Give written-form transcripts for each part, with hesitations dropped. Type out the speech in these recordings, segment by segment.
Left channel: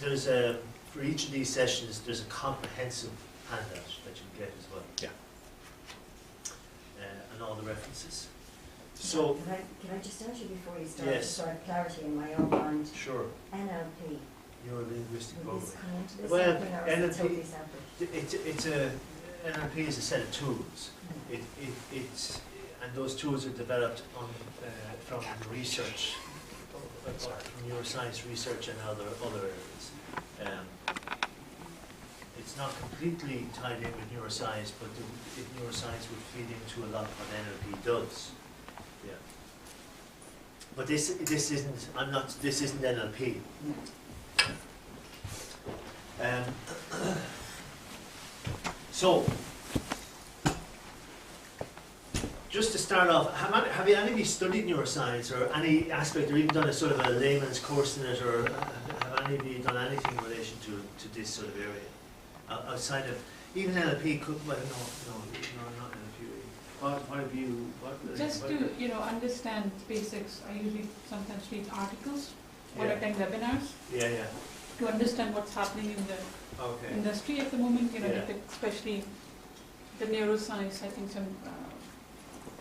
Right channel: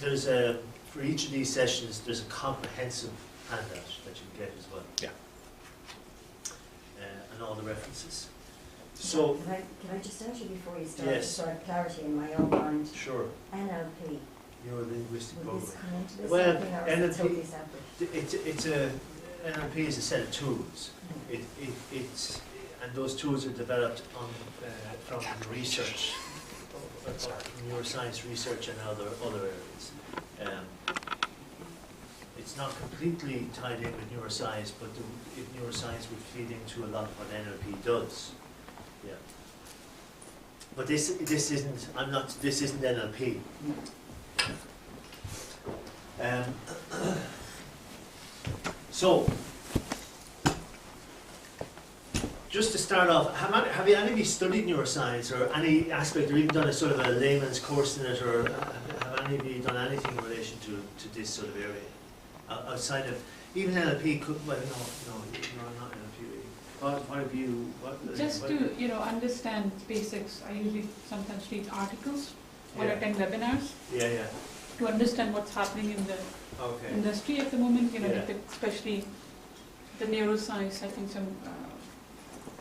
there's a, for each of these sessions, there's a comprehensive handout that you get as well. Yeah. And all the references. So, can I just ask you before you start, yes. to sort of clarity in my own mind? sure, NLP. Neuro-linguistic Will this programming. come into this Well, something, or is it totally separate? It's a, NLP is a set of tools. It's, and those tools are developed on, from research, from neuroscience research and other areas. It's not completely tied in with neuroscience, but neuroscience would feed into a lot of what NLP does. Yeah. But this isn't. This isn't NLP. So, just to start off, have any of you studied neuroscience or any aspect, or even done a sort of a layman's course in it, or have any of you done anything in relation to this sort of area? Outside of, even NLP could, well, no, not NLP. What have you, Just to, understand basics, I usually sometimes read articles or Yeah. attend webinars Yeah. to understand what's happening in the Okay. industry at the moment, Yeah. especially the neuroscience, I think some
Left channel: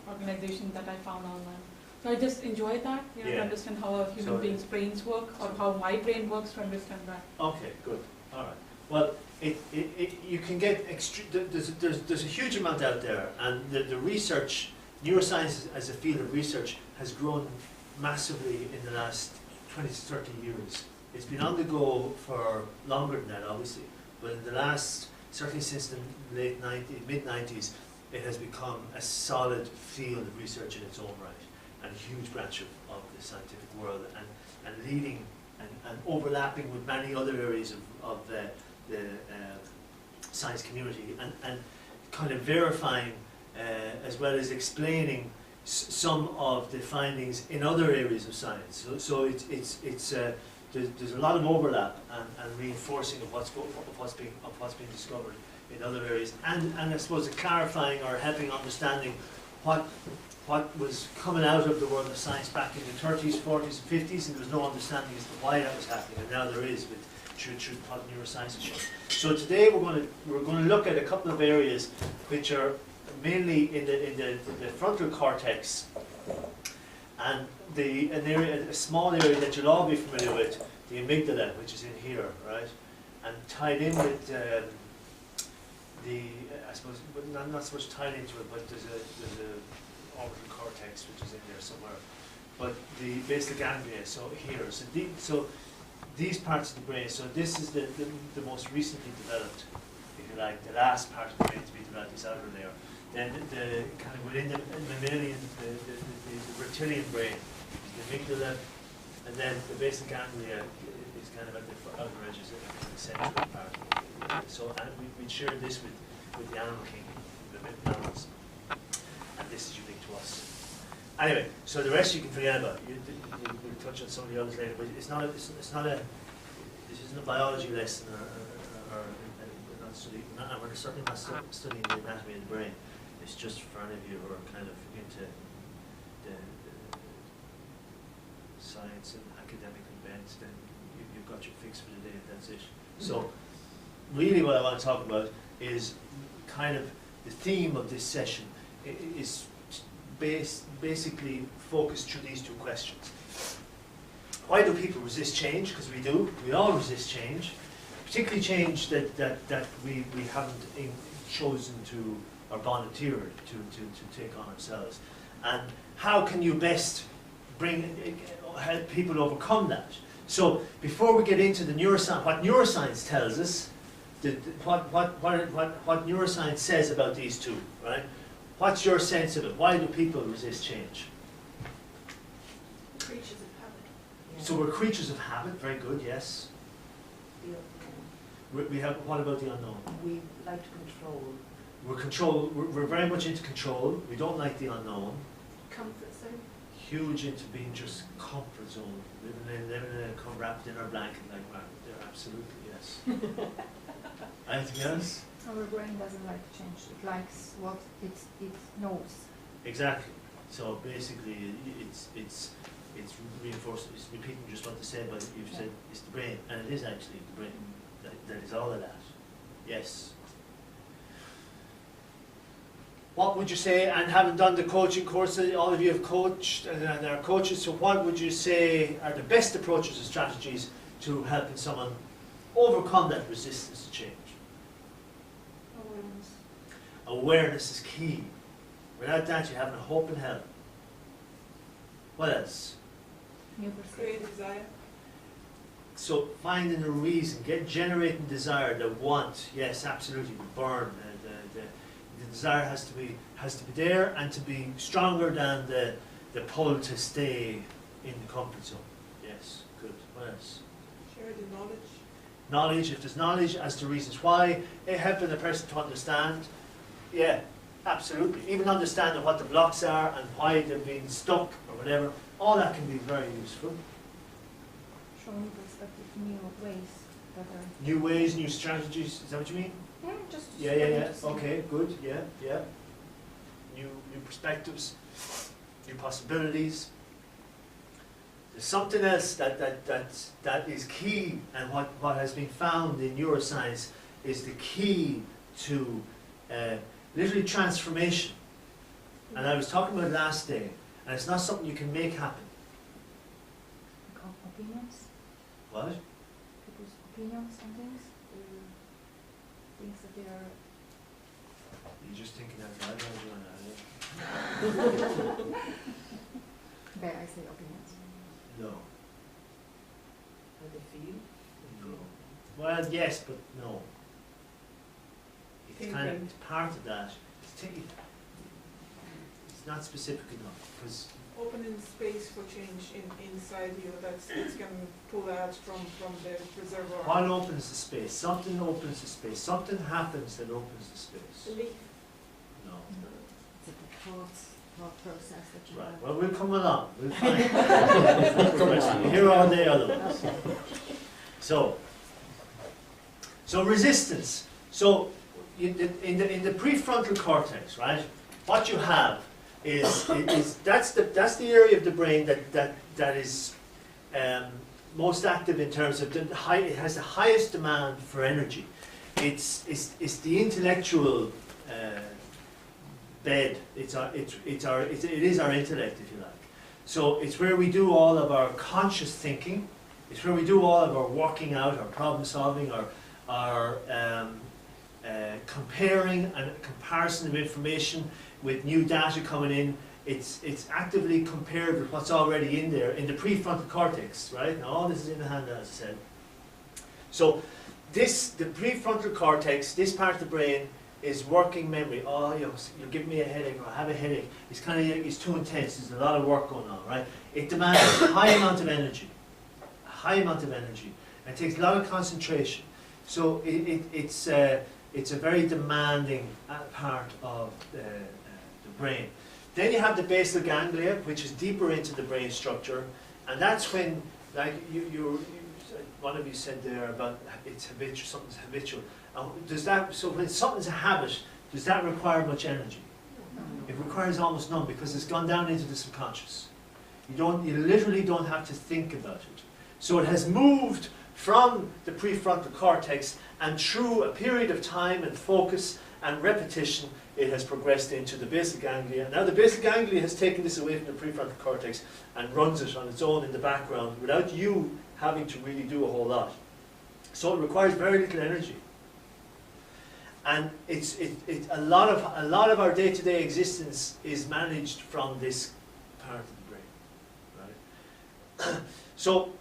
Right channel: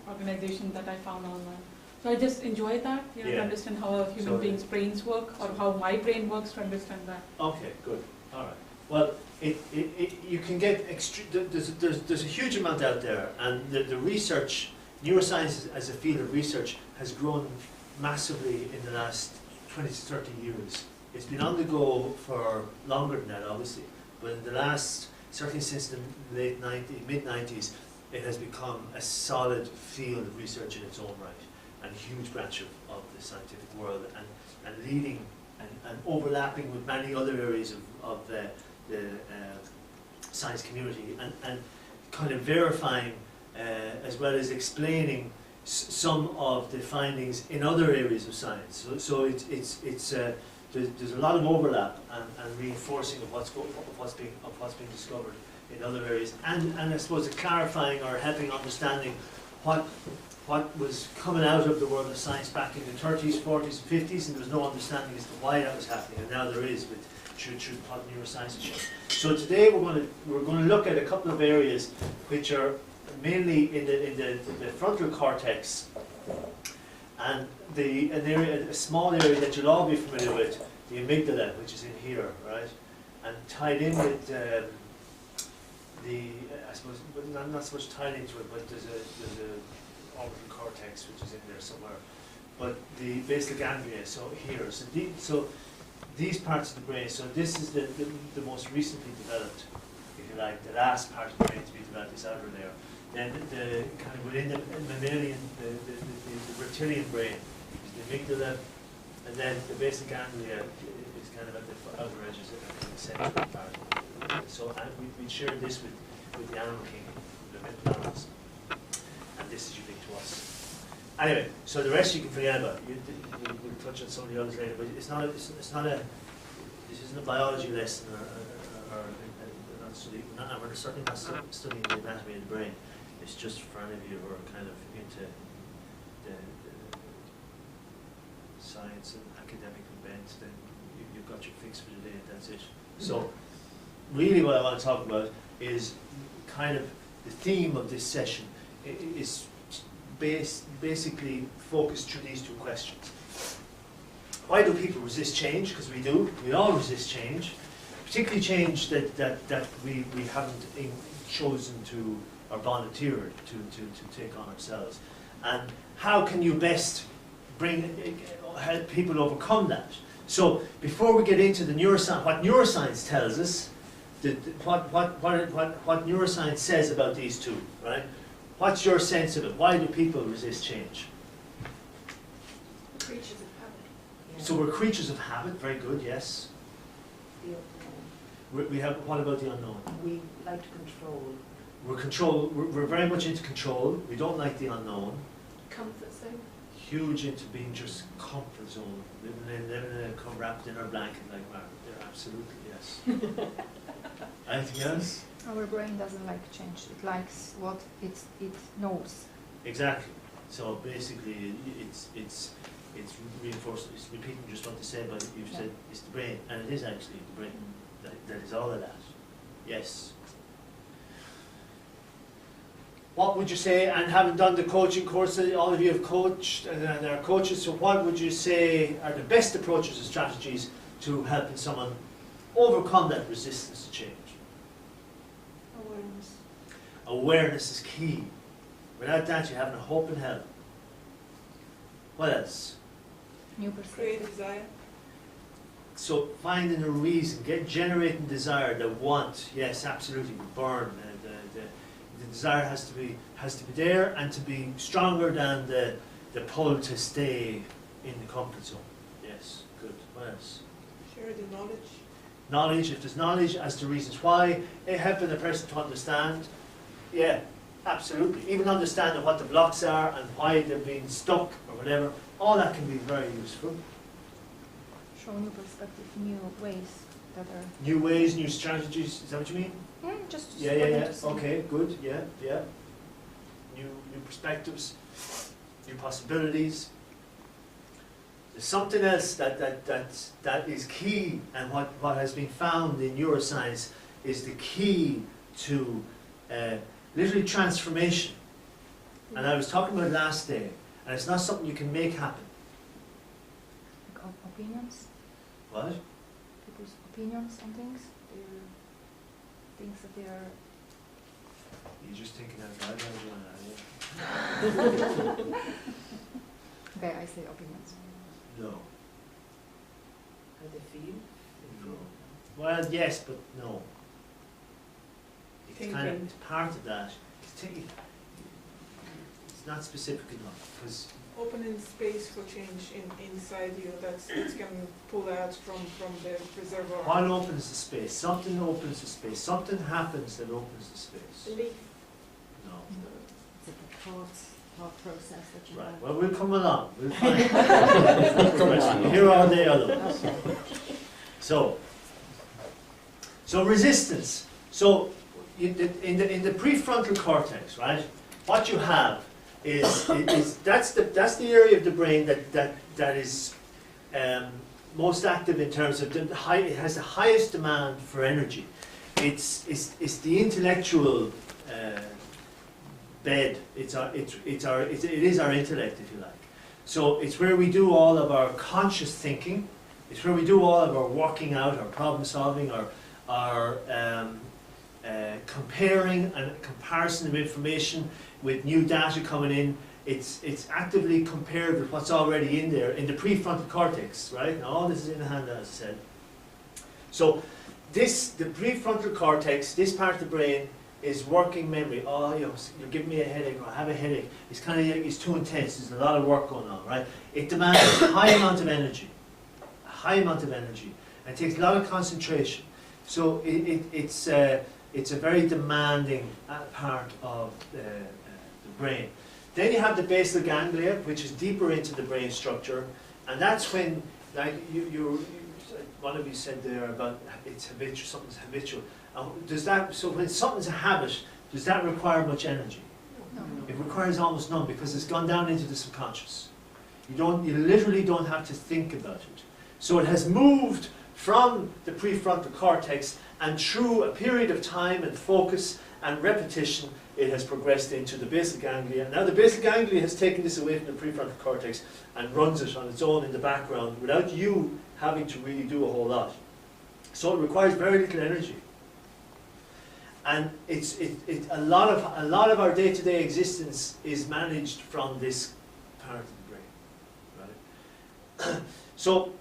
organization that I found online. So I just enjoy that, to Yeah. understand how a human So- being's brains work, or how my brain works, to understand that. Okay, good. All right. Well, you can get there's a huge amount out there, and the research, neuroscience as a field of research has grown massively in the last 20 to 30 years. It's been on the go for longer than that, obviously, but in the last, certainly since the mid-90s, it has become a solid field of research in its own right, and a huge branch of the scientific world, and leading and overlapping with many other areas of the science community, and kind of verifying as well as explaining some of the findings in other areas of science. So there's a lot of overlap and reinforcing of what's being discovered in other areas, and I suppose clarifying or helping understanding what was coming out of the world of science back in the 30s, 40s, and 50s, and there was no understanding as to why that was happening, and now there is with through what neuroscience has shown. So today we're going to look at a couple of areas which are mainly in the frontal cortex, and a small area that you'll all be familiar with, the amygdala, which is in here, right, and tied in with I suppose not so much tied into it, but there's a orbital cortex which is in there somewhere, but the basal ganglia. So here, so these parts of the brain. So this is the most recently developed, if you like, the last part of the brain to be developed, this outer layer. Then the kind of within the mammalian, the reptilian brain, the amygdala, and then the basal ganglia is kind of at the outer edges of the central part. So and we shared this with the animal kingdom, the animals, and this is unique to us. Anyway, so the rest you can forget about. We'll touch on some of the others later, but it's not a. This isn't a biology lesson or we're not studying. We're certainly not studying the anatomy of the brain. It's just for any of you who are kind of into the science and academically bent, then you've got your fix for the day, and that's it. So, really, what I want to talk about is kind of the theme of this session is basically focused through these two questions. Why do people resist change? Because we do. We all resist change, particularly change that we haven't chosen to or volunteered to take on ourselves. And how can you best help people overcome that? So before we get into the neuroscience, what neuroscience tells us, what neuroscience says about these two, right? What's your sense of it? Why do people resist change? Creatures of habit. Yeah. So we're creatures of habit. Very good. Yes. The We have. What about the unknown? we like to control. We're very much into control. We don't like the unknown. Comfort zone. Huge into being just comfort zone, living in a wrapped in our blanket like Margaret. There, absolutely yes. Anything else? Our brain doesn't like change. It likes what it knows. Exactly. So basically, it's it's reinforcing, it's repeating just what they said, but you've said it's the brain, and it is actually the brain. That is all of that. Yes. What would you say, and having done the coaching courses, all of you have coached and are coaches, so what would you say are the best approaches and strategies to helping someone overcome that resistance to change? Awareness. Awareness is key. Without that, you haven't a hope in hell. What else? New Create perspective. desire. So finding a reason, generating desire, the want, yes, absolutely, the burn. The desire has to be there and to be stronger than the pull to stay in the comfort zone. Yes, good. What else? Share the knowledge. Knowledge, if there's knowledge as to reasons why, helping the person to understand. Yeah, absolutely. Even understanding what the blocks are and why they've been stuck or whatever, all that can be very useful. Show new perspective, new ways that are. New ways, new strategies, is that what you mean? Yeah, just. Yeah. Okay, good. Yeah. New perspectives, new possibilities. There's something else that is key, and what has been found in neuroscience is the key to literally transformation. And I was talking about it last day, and it's not something you can make happen. Like opinions, What? people's opinions on things, their things that they are. You're just thinking out loud, Joanna. Okay, I say opinions. No. How they feel? No. Well, yes, but no. It's kind of, Thinking. it's part of that. It's not specific enough, because Opening space for change inside you that can pull out from the reservoir. what opens the space? Something opens the space. Something happens that opens the space. Belief. No. It's a thought process that you Right. have. Well, we'll come along. We'll find. You're here all day, otherwise. So resistance. So in the prefrontal cortex, right? What you have is that's the area of the brain that is most active in terms of it has the highest demand for energy. It's the intellectual bed. It is our intellect, if you like. So it's where we do all of our conscious thinking. It's where we do all of our working out, our problem solving, our comparing and comparison of information with new data coming in. It's actively compared with what's already in there in the prefrontal cortex, right? Now all this is in the hand, as I said. So the prefrontal cortex, this part of the brain, is working memory. Oh, you're giving me a headache, or I have a headache. It's kind of, it's too intense. There's a lot of work going on, right? It demands a high amount of energy. A high amount of energy. And it takes a lot of concentration. So it's a very demanding part of the brain. Then you have the basal ganglia, which is deeper into the brain structure, and that's when, like one of you said there about it's habitual, something's habitual. So when something's a habit, does that require much energy? No. It requires almost none, because it's gone down into the subconscious. You literally don't have to think about it. So it has moved from the prefrontal cortex, and through a period of time and focus and repetition, it has progressed into the basal ganglia. Now the basal ganglia has taken this away from the prefrontal cortex and runs it on its own in the background without you having to really do a whole lot. So it requires very little energy. And a lot of our day-to-day existence is managed from this part of the brain, right? So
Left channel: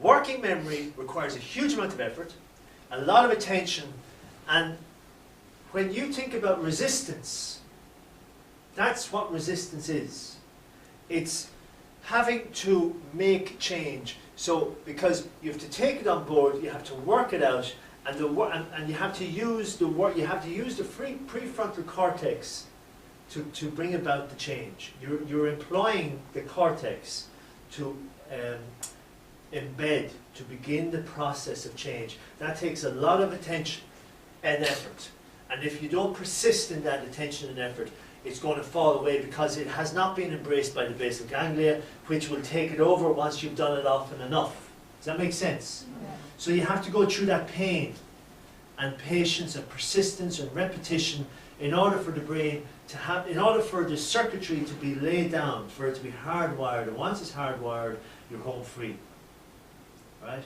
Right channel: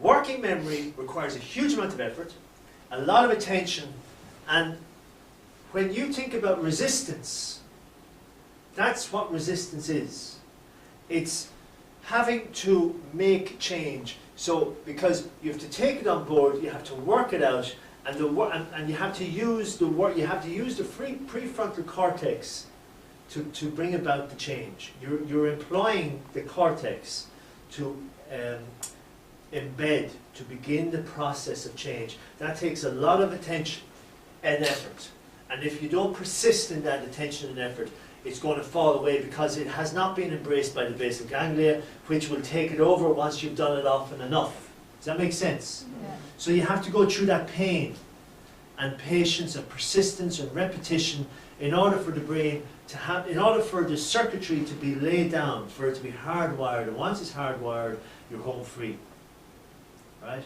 working memory requires a huge amount of effort, a lot of attention, and when you think about resistance, that's what resistance is. It's having to make change. So because you have to take it on board, you have to work it out, and you have to use the prefrontal cortex to bring about the change. You're employing the cortex to embed, to begin the process of change. That takes a lot of attention and effort. And if you don't persist in that attention and effort, it's going to fall away because it has not been embraced by the basal ganglia, which will take it over once you've done it often enough. Does that make sense? Yeah. So you have to go through that pain and patience and persistence and repetition in order for the brain to have, in order for the circuitry to be laid down, for it to be hardwired. And once it's hardwired, you're home free. Right?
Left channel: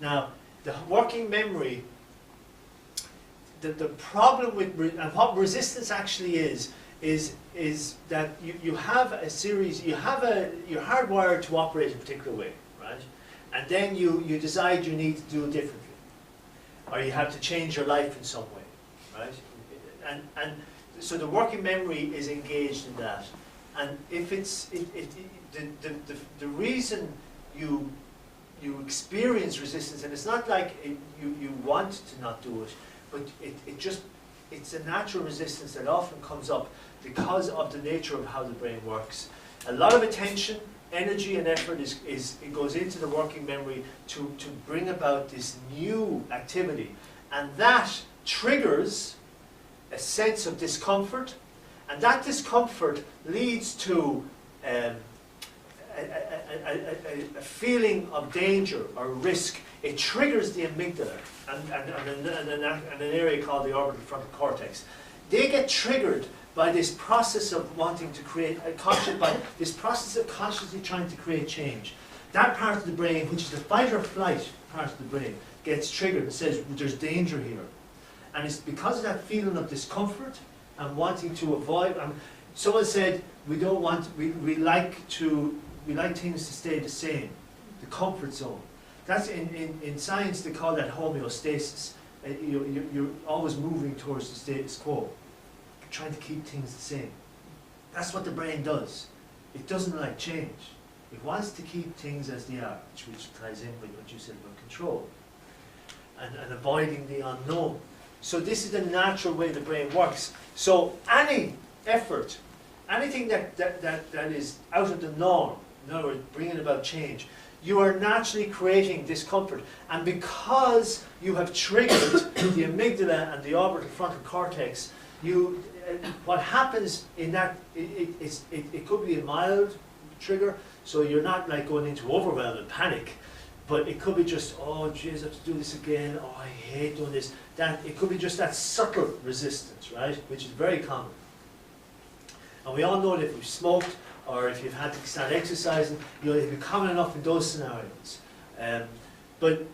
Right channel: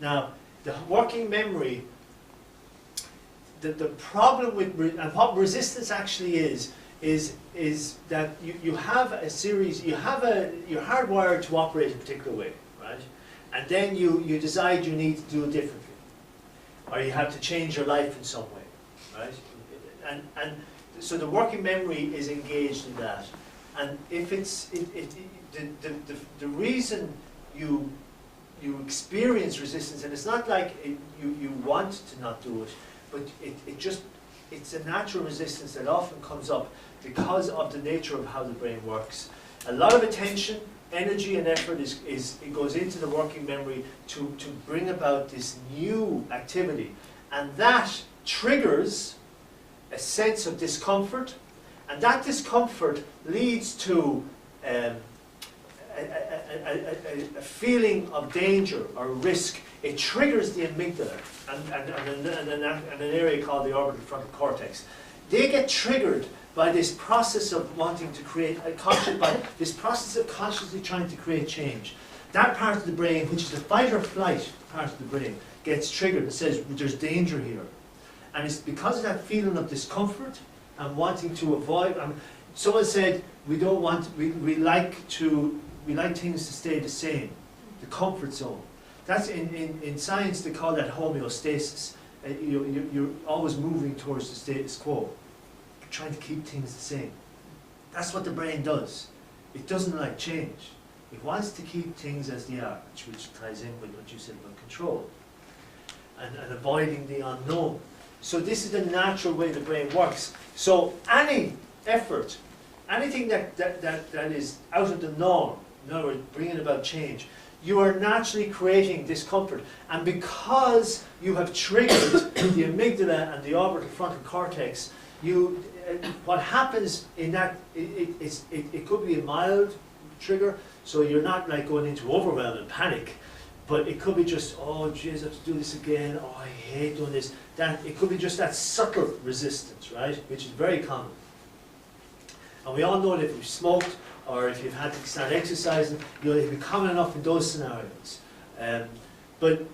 Now, the working memory, the problem with, and what resistance actually is that you have a series, you're hardwired to operate a particular way, right? And then you decide you need to do it differently. Or you have to change your life in some way, right? And so the working memory is engaged in that. And if it's, the reason you experience resistance, and it's not like you want to not do it, but it's a natural resistance that often comes up because of the nature of how the brain works. A lot of attention, energy and effort it goes into the working memory to bring about this new activity, and that triggers a sense of discomfort, and that discomfort leads to a feeling of danger or risk. It triggers the amygdala and an area called the orbital frontal cortex. They get triggered by this process of wanting to create by this process of consciously trying to create change. That part of the brain, which is the fight or flight part of the brain, gets triggered and says there's danger here. And it's because of that feeling of discomfort and wanting to avoid. Someone said we don't want, we like things to stay the same, the comfort zone. That's in science they call that homeostasis. You're always moving towards the status quo, trying to keep things the same. That's what the brain does. It doesn't like change. It wants to keep things as they are, which ties in with what you said about control and avoiding the unknown. So this is the natural way the brain works. So any effort, anything that is out of the norm, in other words, bringing about change, you are naturally creating discomfort. And because you have triggered the amygdala and the orbital frontal cortex, what happens in that, it could be a mild trigger, so you're not like going into overwhelm and panic, but it could be just, oh geez, I have to do this again, oh I hate doing this. It could be just that subtle resistance, right, which is very common. And we all know that if you've smoked or if you've had to start exercising, it'll be common enough in those scenarios. But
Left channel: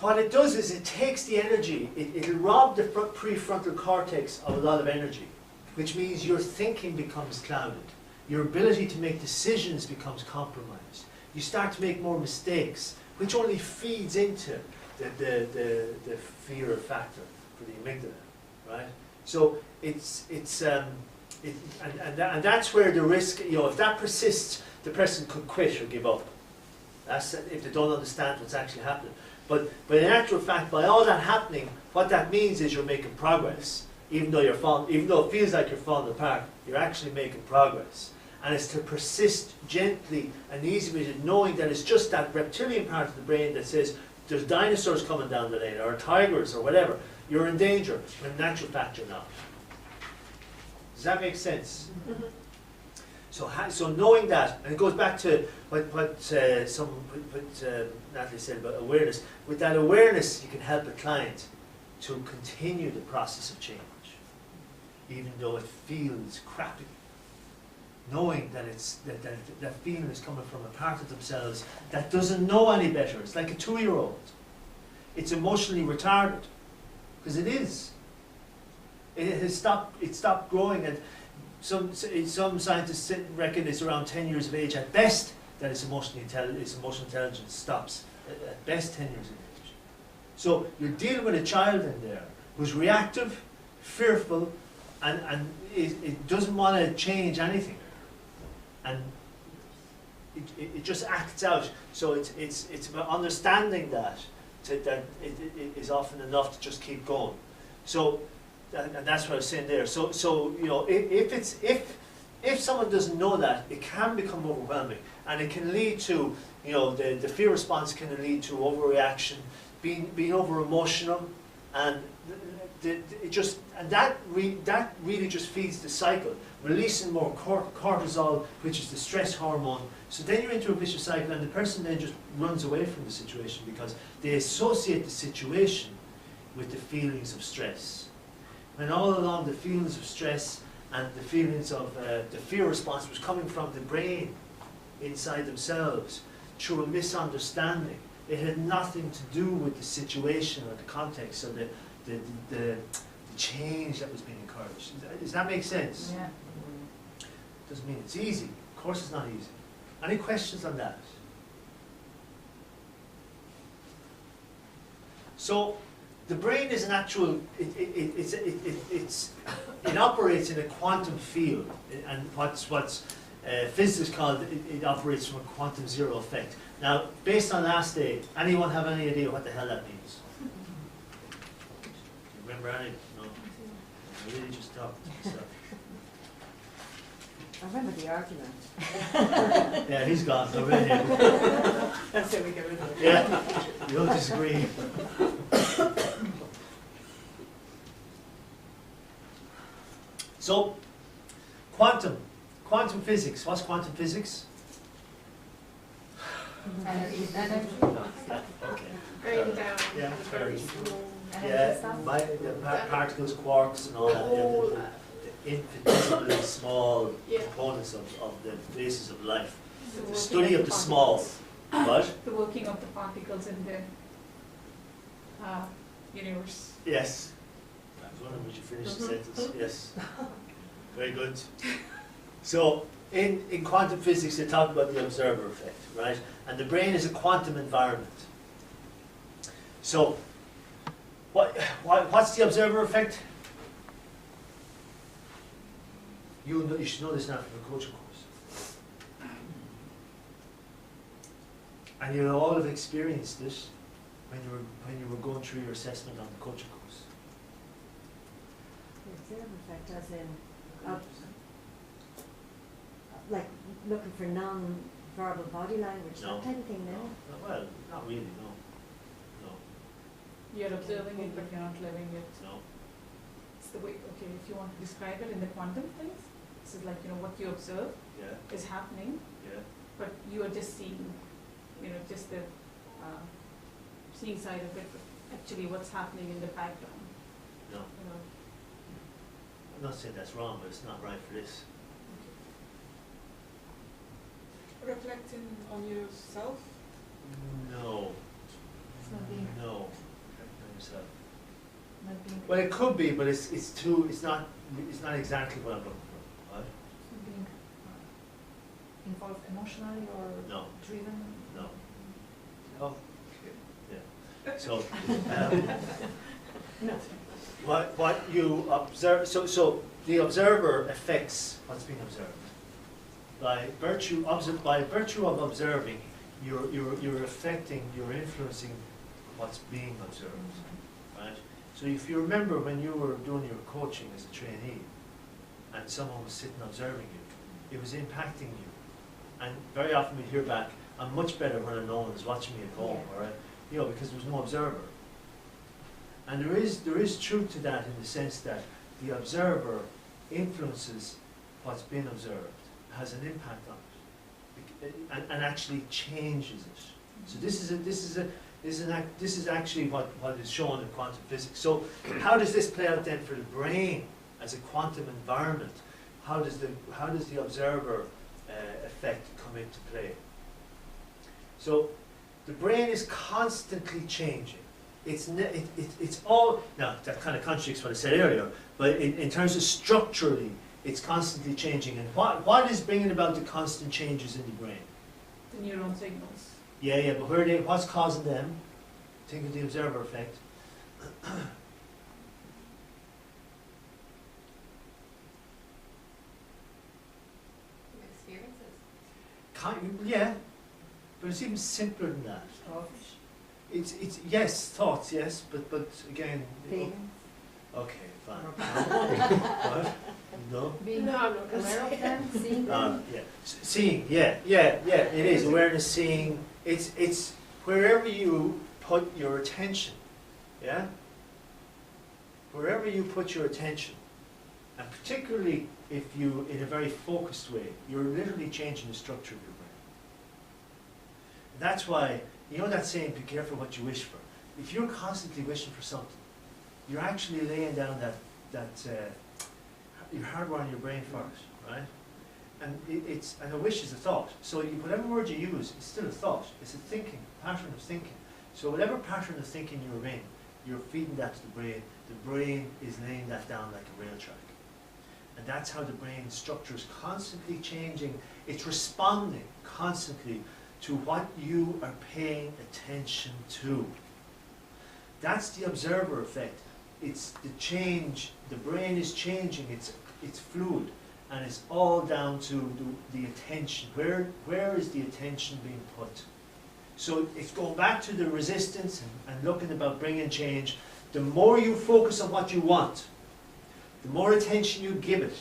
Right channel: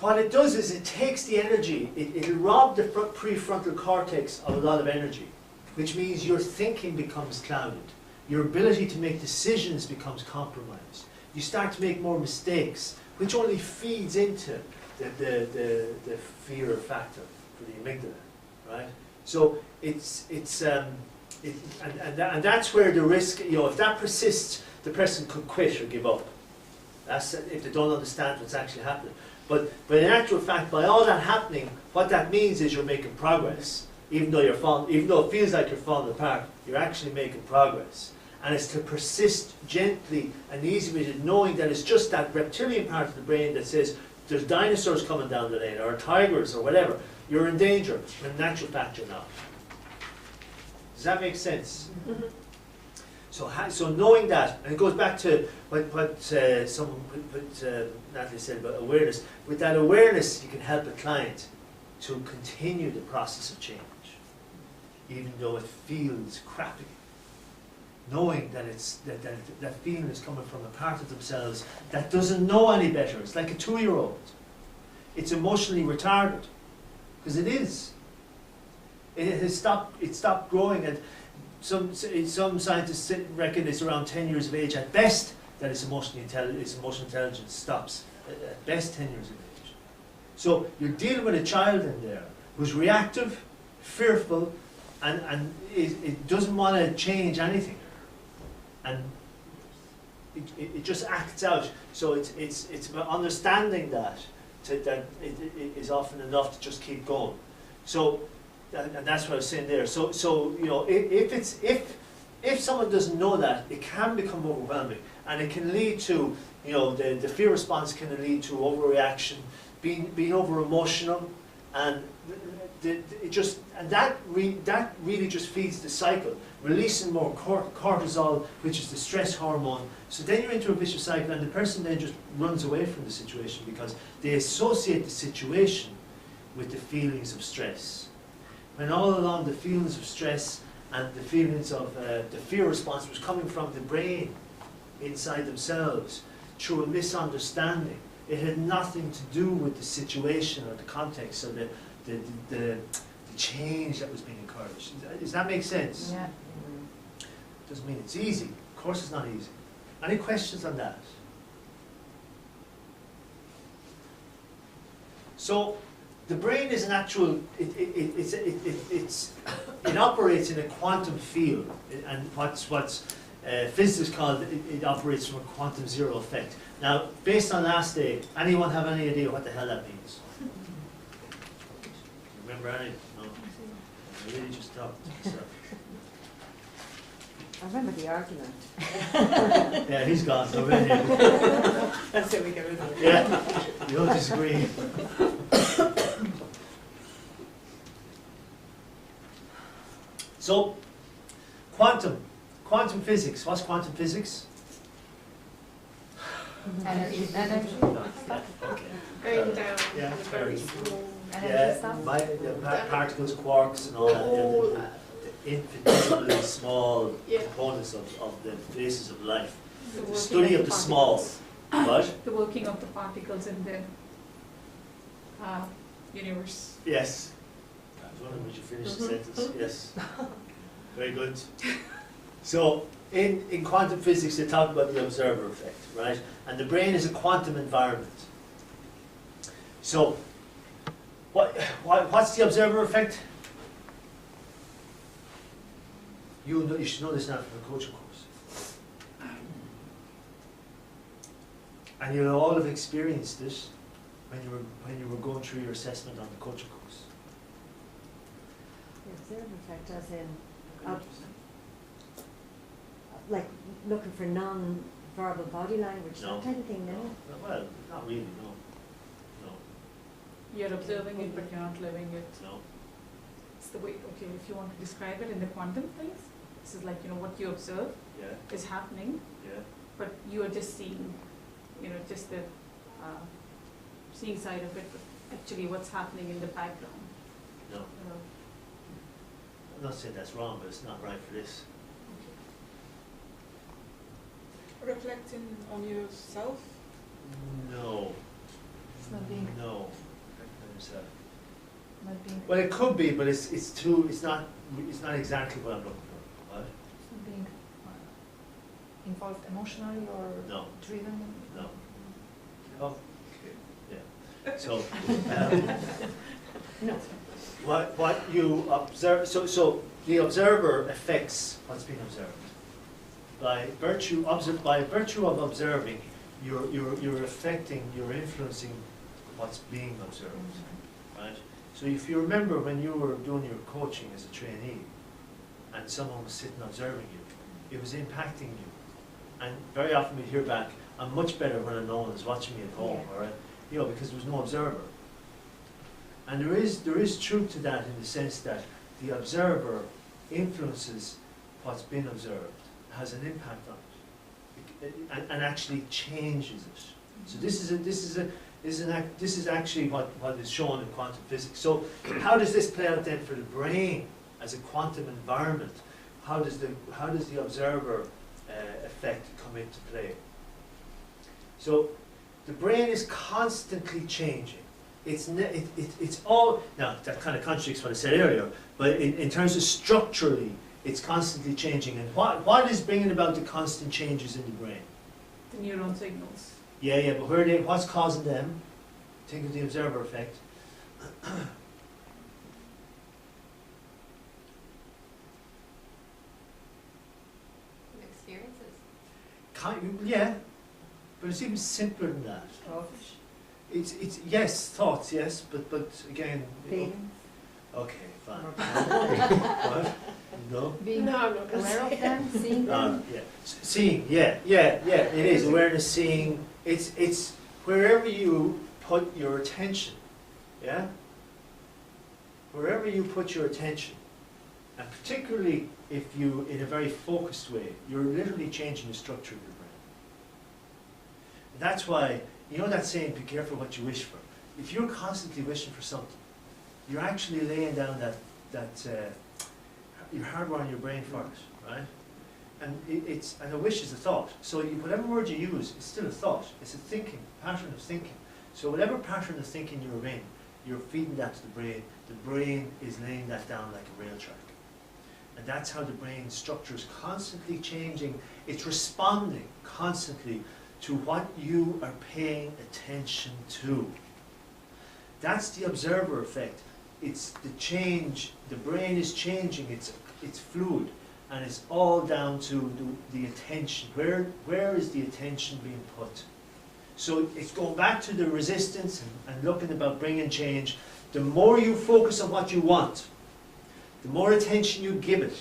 what it does is it takes the energy, it'll rob the prefrontal cortex of a lot of energy, which means your thinking becomes clouded. Your ability to make decisions becomes compromised. You start to make more mistakes, which only feeds into the fear factor for the amygdala, right? So and that's where the risk, if that persists, the person could quit or give up. That's if they don't understand what's actually happening. But in actual fact, by all that happening, what that means is you're making progress. Even though it feels like you're falling apart, you're actually making progress. And it's to persist gently and easily with it, knowing that it's just that reptilian part of the brain that says there's dinosaurs coming down the lane, or tigers, or whatever. You're in danger, when in actual fact you're not. Does that make sense? Mm-hmm. So knowing that, and it goes back to what Natalie said about awareness. With that awareness, you can help a client to continue the process of change, even though it feels crappy. Knowing that that feeling is coming from a part of themselves that doesn't know any better. It's like a 2-year-old. It's emotionally retarded, because it is. It stopped growing, and some scientists reckon it's around 10 years of age at best that its emotional intelligence stops. At best 10 years of age. So you're dealing with a child in there who's reactive, fearful, and it doesn't want to change anything. And it just acts out. So it's about understanding that it is often enough to just keep going. So, and that's what I was saying there. So if someone doesn't know that, it can become overwhelming, and it can lead to, the fear response can lead to overreaction, being over emotional, And that really just feeds the cycle, releasing more cortisol, which is the stress hormone. So then you're into a vicious cycle, and the person then just runs away from the situation because they associate the situation with the feelings of stress. When all along the feelings of stress and the feelings of the fear response was coming from the brain inside themselves through a misunderstanding. It had nothing to do with the situation or the context or the change that was being encouraged. Does that make sense? Yeah. Doesn't mean it's easy. Of course it's not easy. Any questions on that? So the brain is an actual, it operates in a quantum field, and what's physicists call it operates from a quantum zero effect. Now, based on last day, anyone have any idea what the hell that means? Do you remember any? No? I really just talked to myself. I remember the argument. Yeah, he's gone, so we're here. That's how we get rid of it. Yeah, you don't disagree. So, quantum physics. What's quantum physics? Energy. Yeah, okay. Going down Yeah, to the very small. Energy stuff. Particles, quarks, and all that. All Yeah, the infinitesimally small Yeah. components of the basis of life. The The working study of the small. particles. What? The working of the particles in the universe. Yes. I was wondering, would you finish the sentence? Yes. Very good. So, in quantum physics, they talk about the observer effect, right? And the brain is a quantum environment. So, what's the observer effect? You should know this now from the coaching course. And you'll all have experienced this when you were going through your assessment on the coaching course. The observer effect as in, like looking for non-verbal body language, No. that kind of thing, no? Well, not really, no. No, You're observing it, but you're not living it. no. It's the way, okay, if you want to describe it in the quantum things, this is like, what you observe Yeah, is happening, yeah. but you are just seeing, just the seeing side of it, but actually what's happening in the background, No. I'm not saying that's wrong, but it's not right for this. Reflecting on yourself. No. It's not being, No. Reflect on yourself. not being, Well, it could be, but it's not exactly what I'm looking for. What? it's not being involved emotionally or No. driven. No. Oh, okay, yeah. So, No. what you observe, so the observer affects what's being observed. By virtue of observing, you're affecting, you're influencing what's being observed, right? So if you remember when you were doing your coaching as a trainee, and someone was sitting observing you, it was impacting you. And very often we hear back, I'm much better when no one is watching me at home, Yeah. all right? Because there was no observer. And there is truth to that in the sense that the observer influences what's been observed, has an impact on it, and actually changes it. So this is actually what is shown in quantum physics. So how does this play out then for the brain as a quantum environment? How does the observer effect come into play? So the brain is constantly changing. It's all, now that kind of contradicts what I said earlier, but in terms of structurally, it's constantly changing. And what is bringing about the constant changes in the brain? The neuron signals. Yeah, but what's causing them? Think of the observer effect. Experiences. Yeah, but it's even simpler than that. It's yes, thoughts, yes, but again. Feelings. Okay, fine. What? No. Being No, I'm not gonna aware of say. them, seeing them. Yeah. Seeing, yeah. It is awareness, seeing. It's wherever you put your attention. Yeah. wherever you put your attention, and particularly if you, in a very focused way, you're literally changing the structure of your brain. And that's why, you know that saying, be careful what you wish for. If you're constantly wishing for something, you're actually laying down you're hardwiring your brain for it, right? And and a wish is a thought. So whatever word you use, it's still a thought. It's a pattern of thinking. So whatever pattern of thinking you're in, you're feeding that to the brain. The brain is laying that down like a rail track. And that's how the brain structure is constantly changing. It's responding constantly to what you are paying attention to. That's the observer effect. It's the change. The brain is changing. It's fluid. And it's all down to the attention. Where is the attention being put? So it's going back to the resistance and looking about bringing change. The more you focus on what you want, the more attention you give it,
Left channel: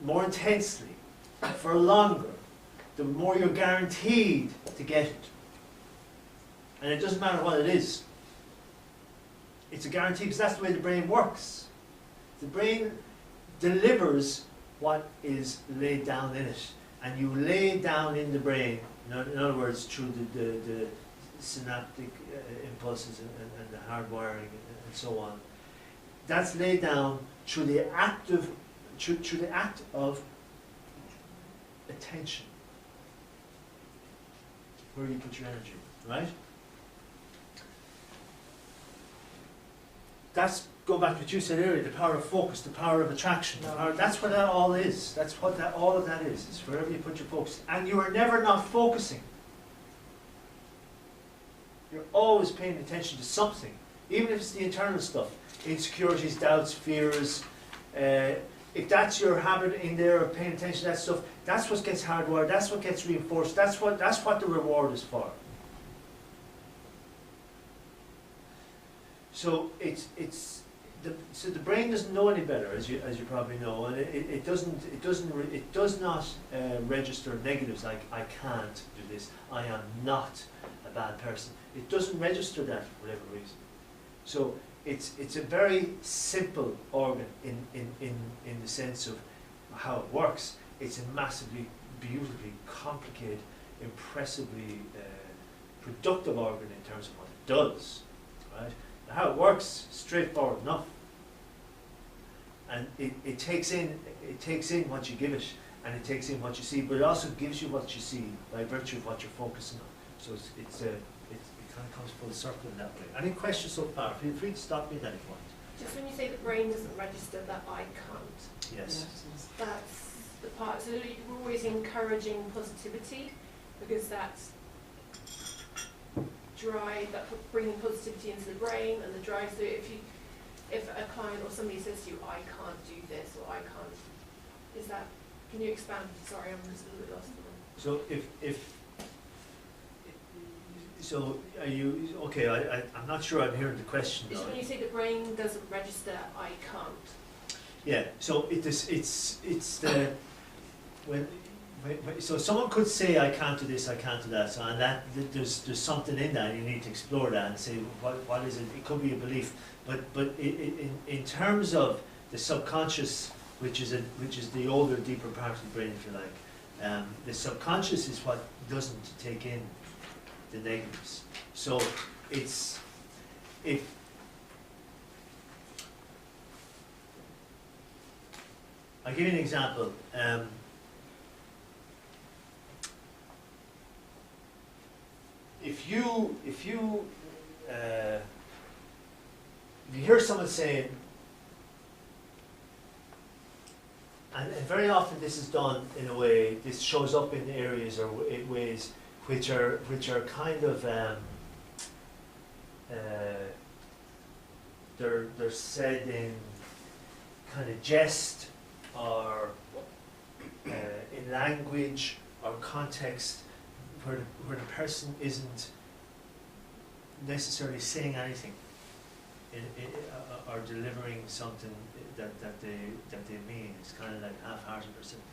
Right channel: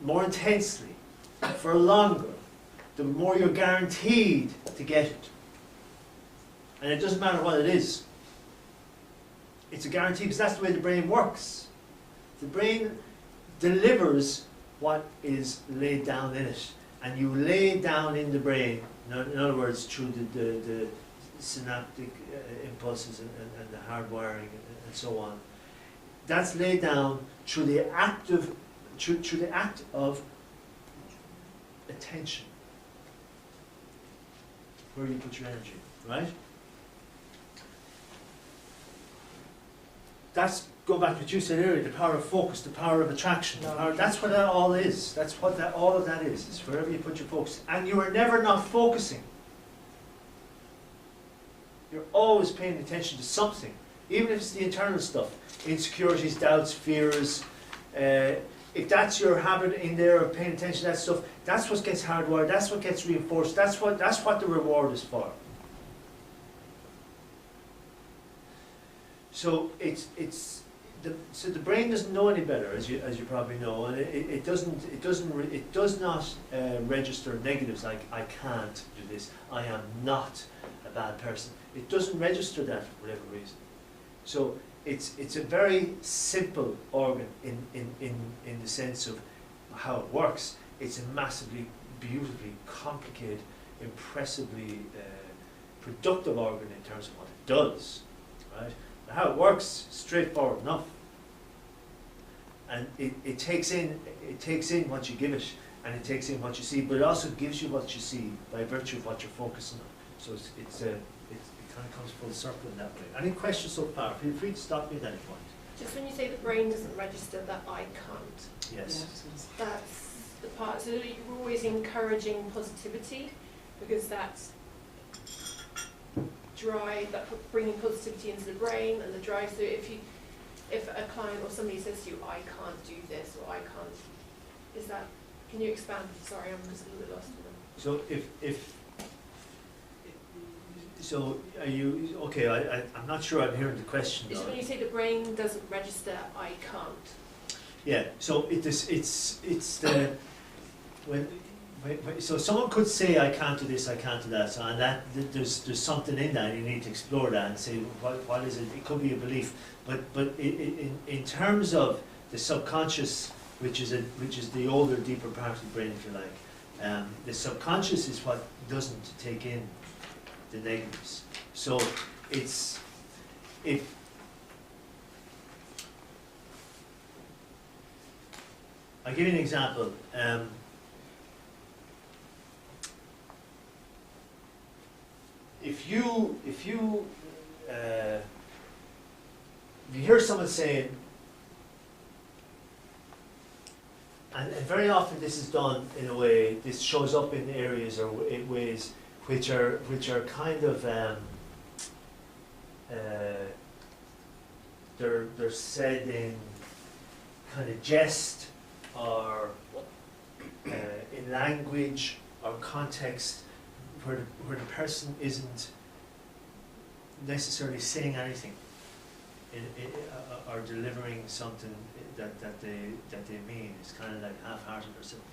more intensely, for longer, the more you're guaranteed to get it. And it doesn't matter what it is. It's a guarantee because that's the way the brain works. The brain delivers what is laid down in it. And you lay down in the brain, in other words, through the synaptic impulses and the hardwiring and so on. That's laid down through the act of attention, where you put your energy, right? That's, go back to what you said earlier, the power of focus, the power of attraction. That's what that all is. That's what all of that is. It's wherever you put your focus. And you are never not focusing. You're always paying attention to something, even if it's the internal stuff. Insecurities, doubts, fears. If that's your habit in there of paying attention to that stuff, that's what gets hardwired, that's what gets reinforced, that's what the reward is for. So so the brain doesn't know any better, as you probably know, and it does not register negatives like I can't do this, I am not a bad person. It doesn't register that for whatever reason. So it's a very simple organ in the sense of how it works. It's a massively, beautifully complicated, impressively productive organ in terms of what it does, right? But how it works, straightforward enough. And it takes in what you give it, and it takes in what you see, but it also gives you what you see by virtue of what you're focusing on. So it kind of comes full circle in that way. Any questions so far? Feel free to stop me at any point. Just when you say the brain doesn't register that I can't, Yes. that's the part, so you're always encouraging positivity, because that's drive, bringing positivity into the brain and the drive. So if a client or somebody says to you, I can't do this, or I can't, can you expand? Sorry, I'm just a little bit lost on that. So so are you, okay, I'm not sure I'm hearing the question. Just when you say the brain doesn't register, I can't. Yeah, so so someone could say I can't do this, I can't do that, so, and that there's something in that, you need to explore that and say what is it? It could be a belief, but in terms of the subconscious, which is the older, deeper part of the brain, if you like, the subconscious is what doesn't take in the negatives. So I'll give you an example. If you hear someone saying, and very often this is done in a way, this shows up in areas or in ways which are kind of they're said in kind of jest or in language or context where the person isn't necessarily saying anything or delivering something that they mean. It's kind of like half-hearted or something,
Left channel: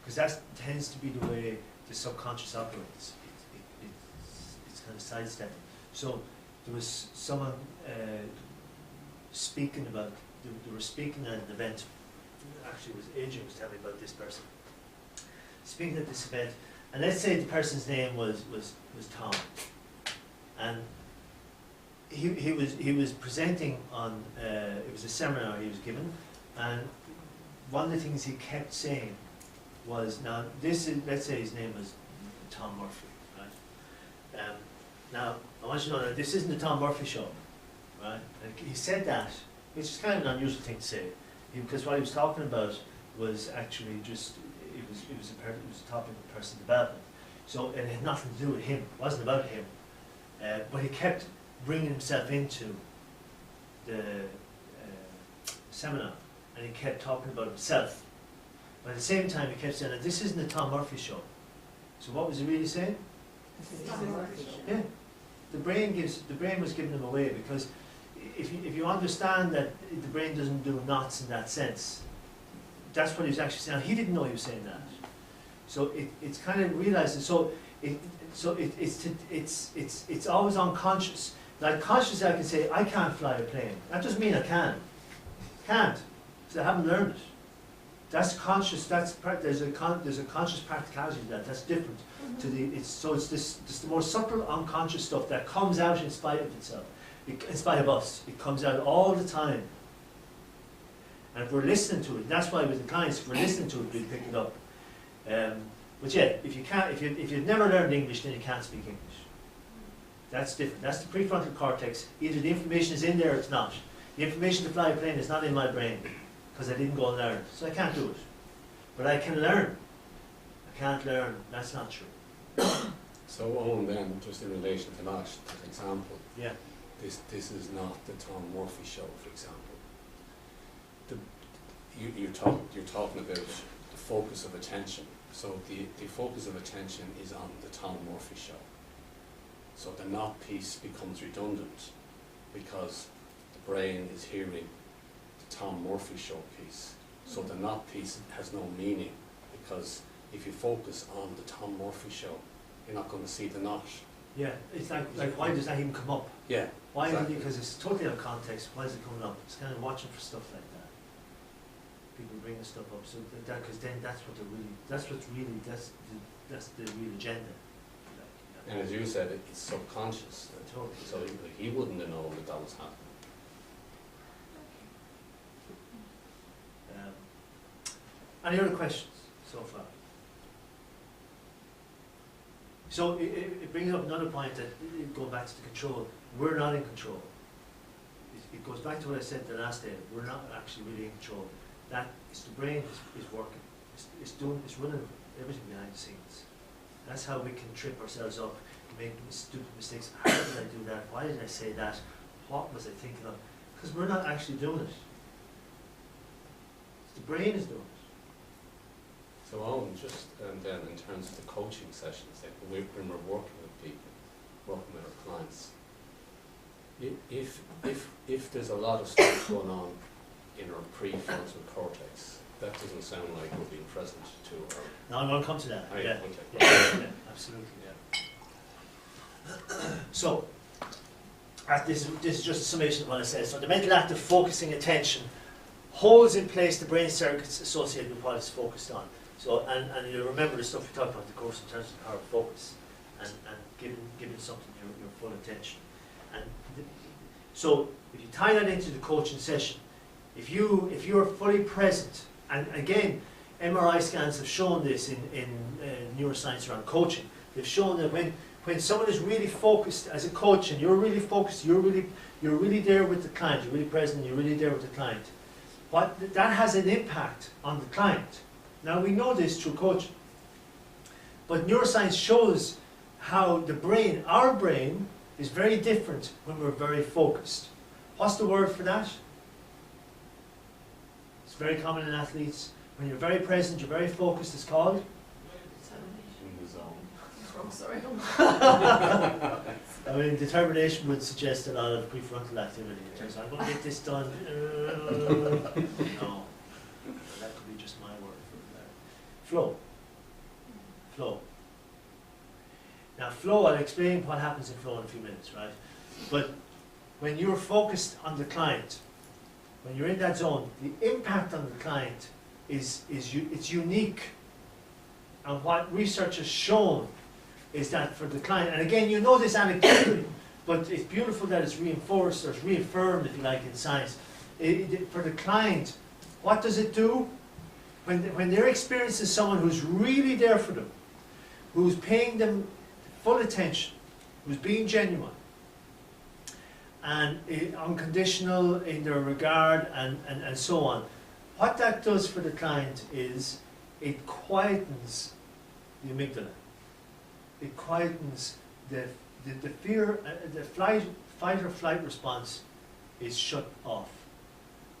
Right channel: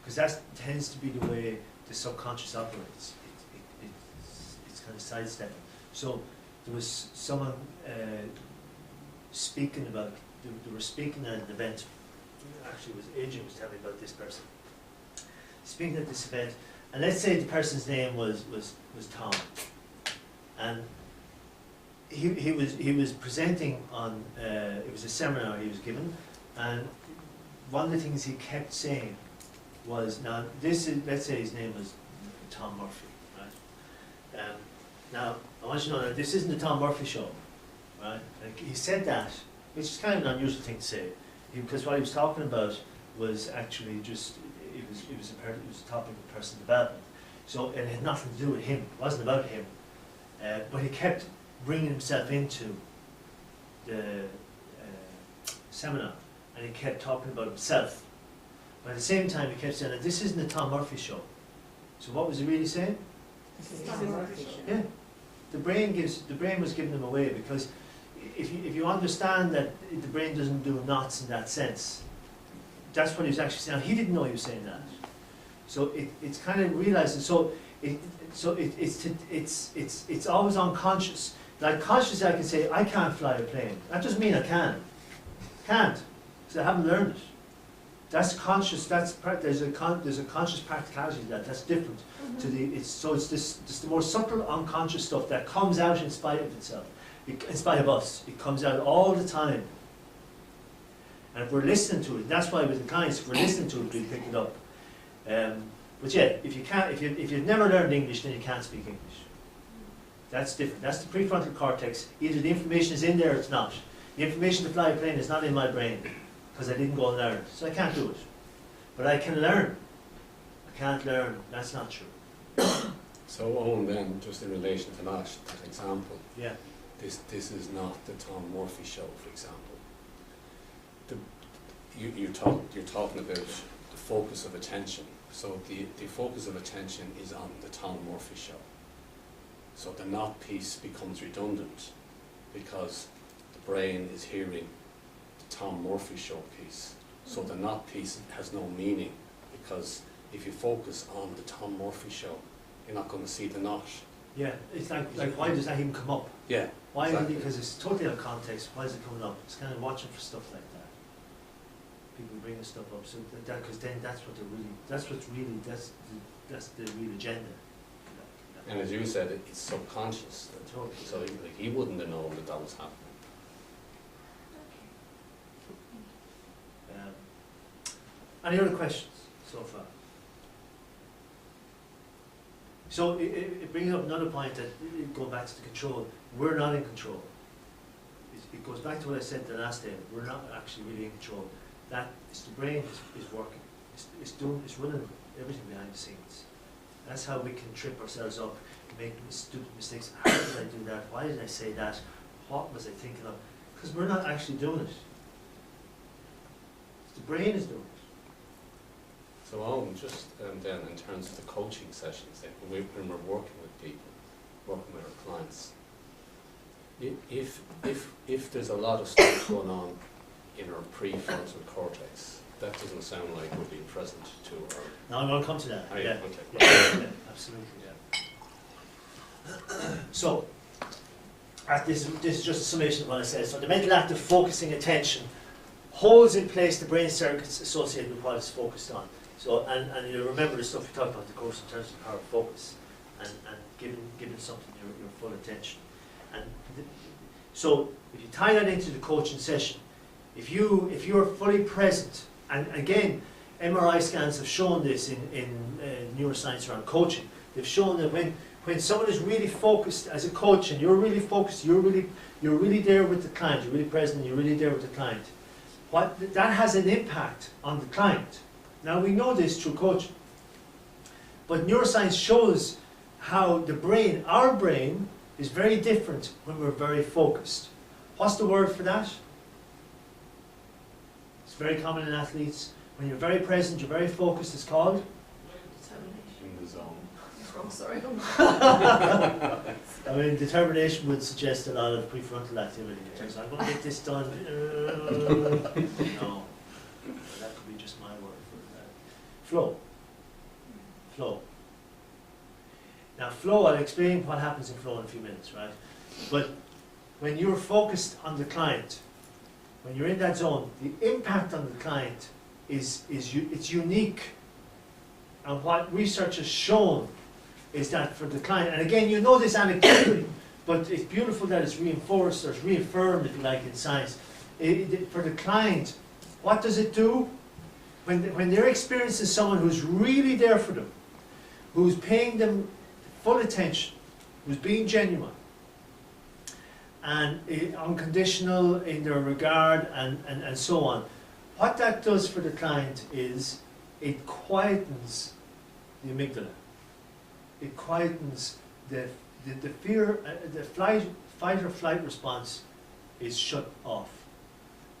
because that tends to be the way the subconscious operates. It's kind of sidestepping. So there was someone speaking about, they were speaking at an event. Actually, it was Adrian was telling me about this person. Speaking at this event, and let's say the person's name was Tom, and he was presenting on it was a seminar he was given, and one of the things he kept saying was, now this is, let's say his name was Tom Murphy, right? Now I want you to know that this isn't the Tom Murphy show, right? Like he said that, which is kind of an unusual thing to say, because what he was talking about was actually just it was a topic of personal development. So it had nothing to do with him. It wasn't about him. But he kept bringing himself into the seminar, and he kept talking about himself. But at the same time, he kept saying that this isn't the Tom Murphy show. So what was he really saying? This is Tom Murphy show. Yeah, the brain was giving him away, because if you understand that the brain doesn't do knots in that sense, that's what he was actually saying. He didn't know he was saying that. So it's kind of realizing. So it's always unconscious. Like consciously, I can say I can't fly a plane. That doesn't mean I can. Can't, because I haven't learned it. That's conscious. There's a conscious practicality to that. That's different to the. It's the more subtle unconscious stuff that comes out in spite of itself, in spite of us. It comes out all the time. And if we're listening to it, that's why with the clients, if we're listening to it, we pick it up. But yeah, if you've never learned English, then you can't speak English. That's different. That's the prefrontal cortex. Either the information is in there or it's not. The information to fly a plane is not in my brain, because I didn't go and learn it. So I can't do it. But I can learn. I can't learn. That's not true. So Owen, then, just in relation to that example, Yeah. this is not the Tom Murphy show, for example. You're talking about the focus of attention. So the focus of attention is on the Tom Murphy show. So the not piece becomes redundant, because the brain is hearing the Tom Murphy show piece. So the not piece has no meaning, because if you focus on the Tom Murphy show, you're not going to see the not. Yeah. It's like why does that even come up? Yeah. Why? Exactly. Because it's totally out of context. Why is it coming up? It's kind of watching for stuff like that. People bringing stuff up, so because then that's the real agenda. And as you said, it's subconscious. Totally. So he wouldn't have known that was happening. Any other questions so far? So it brings up another point that, going back to the control, we're not in control. It goes back to what I said the last day. We're not actually really in control. That is, the brain is working. It's running everything behind the scenes. That's how we can trip ourselves up, make stupid mistakes. How did I do that? Why did I say that? What was I thinking of? Because we're not actually doing it. The brain is doing it. So Owen, just then in terms of the coaching sessions, then when we're working with people, working with our clients, if there's a lot of stuff going on in our prefrontal cortex, that doesn't sound like we're being present to our... Now I'm going to come to that. Oh, Yeah. okay. Yeah, absolutely, yeah. So, this is just a summation of what I said. So the mental act of focusing attention holds in place the brain circuits associated with what it's focused on. So, and you remember the stuff we talked about in the course in terms of the power of focus, and giving something your full attention. And so if you tie that into the coaching session, if you're fully present, and again, MRI scans have shown this in neuroscience around coaching. They've shown that when someone is really focused as a coach, and you're really focused, you're really there with the client, you're really present, you're really there with the client, that has an impact on the client. Now we know this through coaching, but neuroscience shows how the brain, our brain, is very different when we're very focused. What's the word for that? It's very common in athletes. When you're very present, you're very focused, it's called? Determination. In the zone. I'm sorry. I mean, determination would suggest a lot of prefrontal activity. In terms of, I'm going to get this done. No. That could be just my word for that. Flow. Flow. Now, flow, I'll explain what happens in flow in a few minutes, right? But when you're focused on the client, when you're in that zone, the impact on the client it's unique. And what research has shown is that for the client, and again, you know this anecdotally, but it's beautiful that it's reinforced or it's reaffirmed, if you like, in science. For the client, what does it do? When they're experiencing someone who's really there for them, who's paying them full attention, who's being genuine, and unconditional in their regard, and so on, what that does for the client is it quietens the amygdala. It quietens the fear, the fight or flight response is shut off.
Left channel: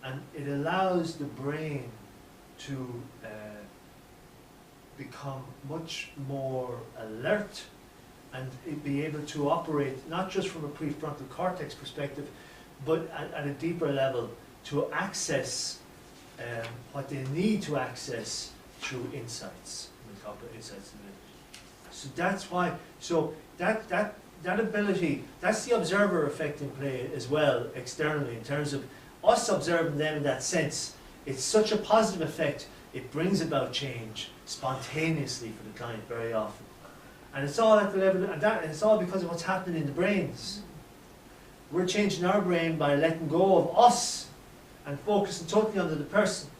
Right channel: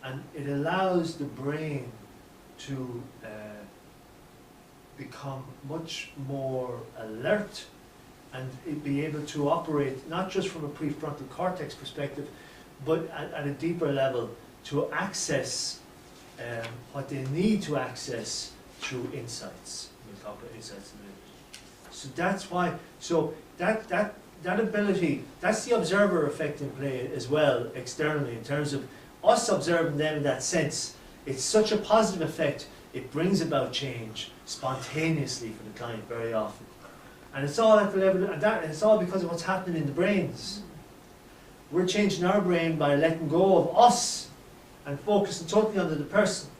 And it allows the brain to become much more alert and be able to operate not just from a prefrontal cortex perspective, but at a deeper level to access what they need to access through insights. We'll talk about insights in a minute. So that's why, so that ability, that's the observer effect in play as well, externally, in terms of us observing them in that sense. It's such a positive effect, it brings about change spontaneously for the client very often. And it's all at the level, and it's all because of what's happening in the brains. We're changing our brain by letting go of us and focusing totally on the person.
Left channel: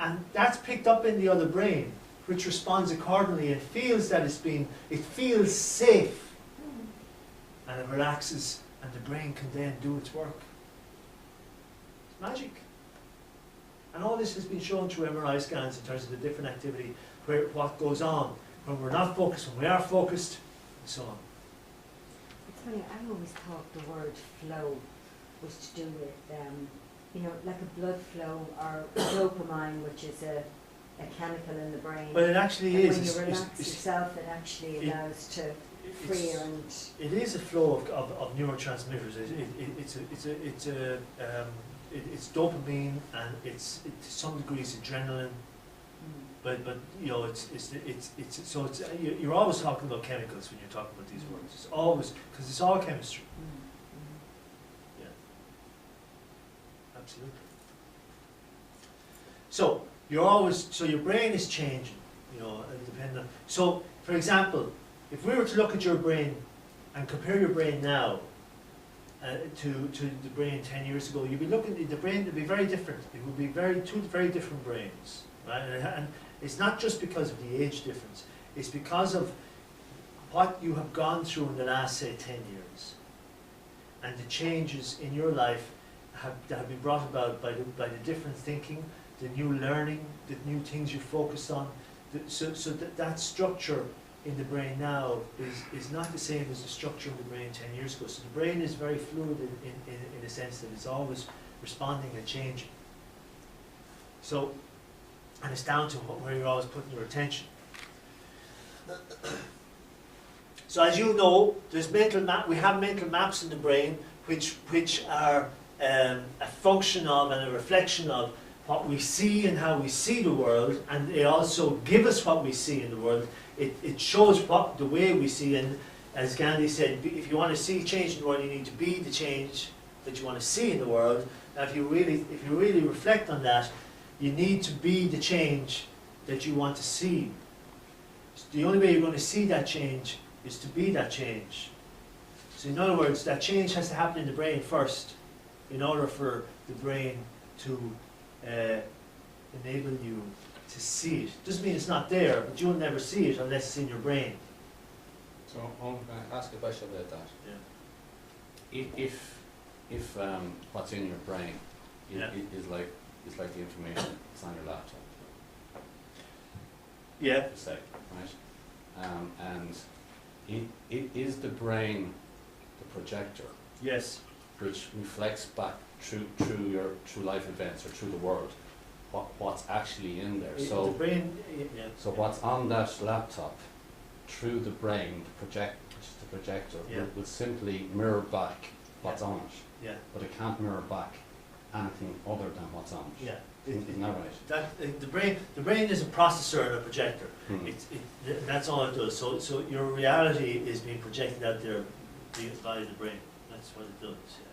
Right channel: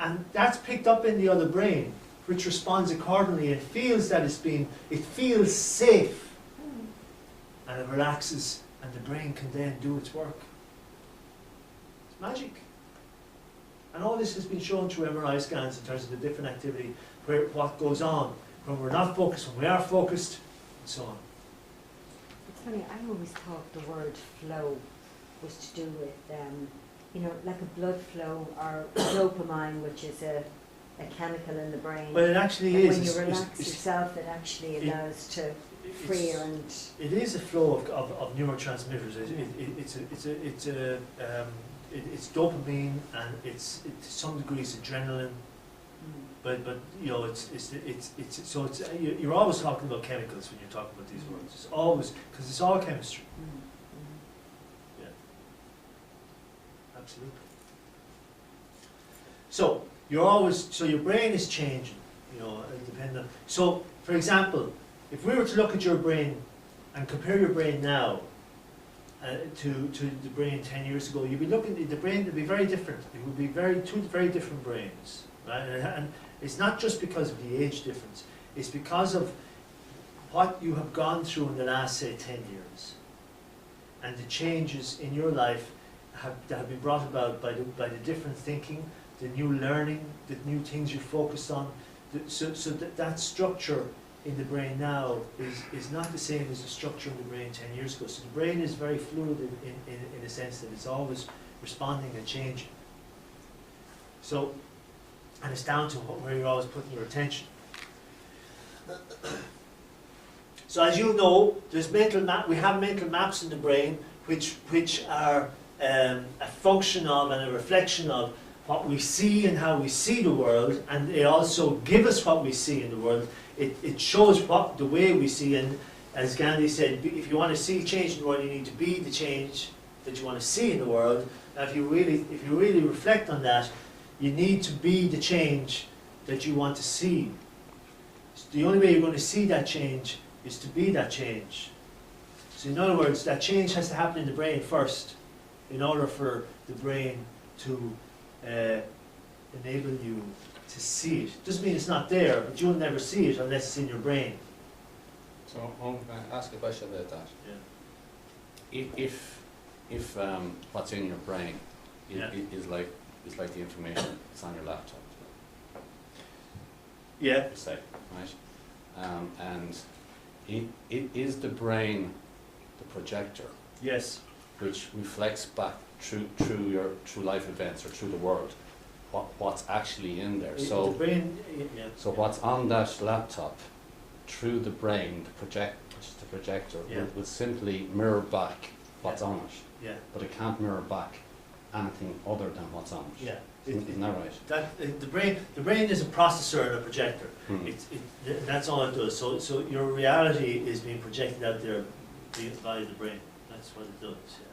And that's picked up in the other brain, which responds accordingly and feels that it feels safe. And it relaxes, and the brain can then do its work. It's magic. And all this has been shown through MRI scans in terms of the different activity, what goes on when we're not focused, when we are focused, and so on. It's funny, I always thought the word flow was to do with, like a blood flow or dopamine, which is a chemical in the brain. Well, it actually and is. when you relax yourself, it actually allows to freer and... It is a flow of neurotransmitters. It's dopamine, and it's to some degree it's adrenaline. But you're always talking about chemicals when you're talking about these words. It's always, because it's all chemistry. Yeah, absolutely. So your brain is changing, depending on. So, for example, if we were to look at your brain and compare your brain now to the brain 10 years ago, you'd be looking at the brain would be very different. It would be two very different brains, right? And it's not just because of the age difference. It's because of what you have gone through in the last, say, 10 years, and the changes in your life that have been brought about by the different thinking, the new learning, the new things you focus on. So that structure in the brain now is not the same as the structure in the brain 10 years ago. So the brain is very fluid in a sense that it's always responding and changing. So, and it's down to where you're always putting your attention. So as you know, there's we have mental maps in the brain which are a function of and a reflection of what we see and how we see the world, and they also give us what we see in the world. It shows the way we see, and as Gandhi said, if you want to see change in the world, you need to be the change that you want to see in the world. Now, if you really reflect on that, you need to be the change that you want to see. So the only way you're going to see that change is to be that change. So in other words, that change has to happen in the brain first, in order for the brain to enable you to see it. Doesn't mean it's not there, but you'll never see it unless it's in your brain. So I'm going to ask a question about that. Yeah. If what's in your brain is like the information that's on your laptop, Yeah. say, right? And it is the brain the projector, Yes. which reflects back through life events or through the world what's actually in there. So the brain. Yeah. so what's on that laptop through the brain, which is the projector, will simply mirror back what's on it. Yeah. But it can't mirror back anything other than what's on it. Yeah. Isn't that right? The brain is a processor and a projector. That's all it does. So your reality is being projected out there by the brain. That's what it does. Yeah.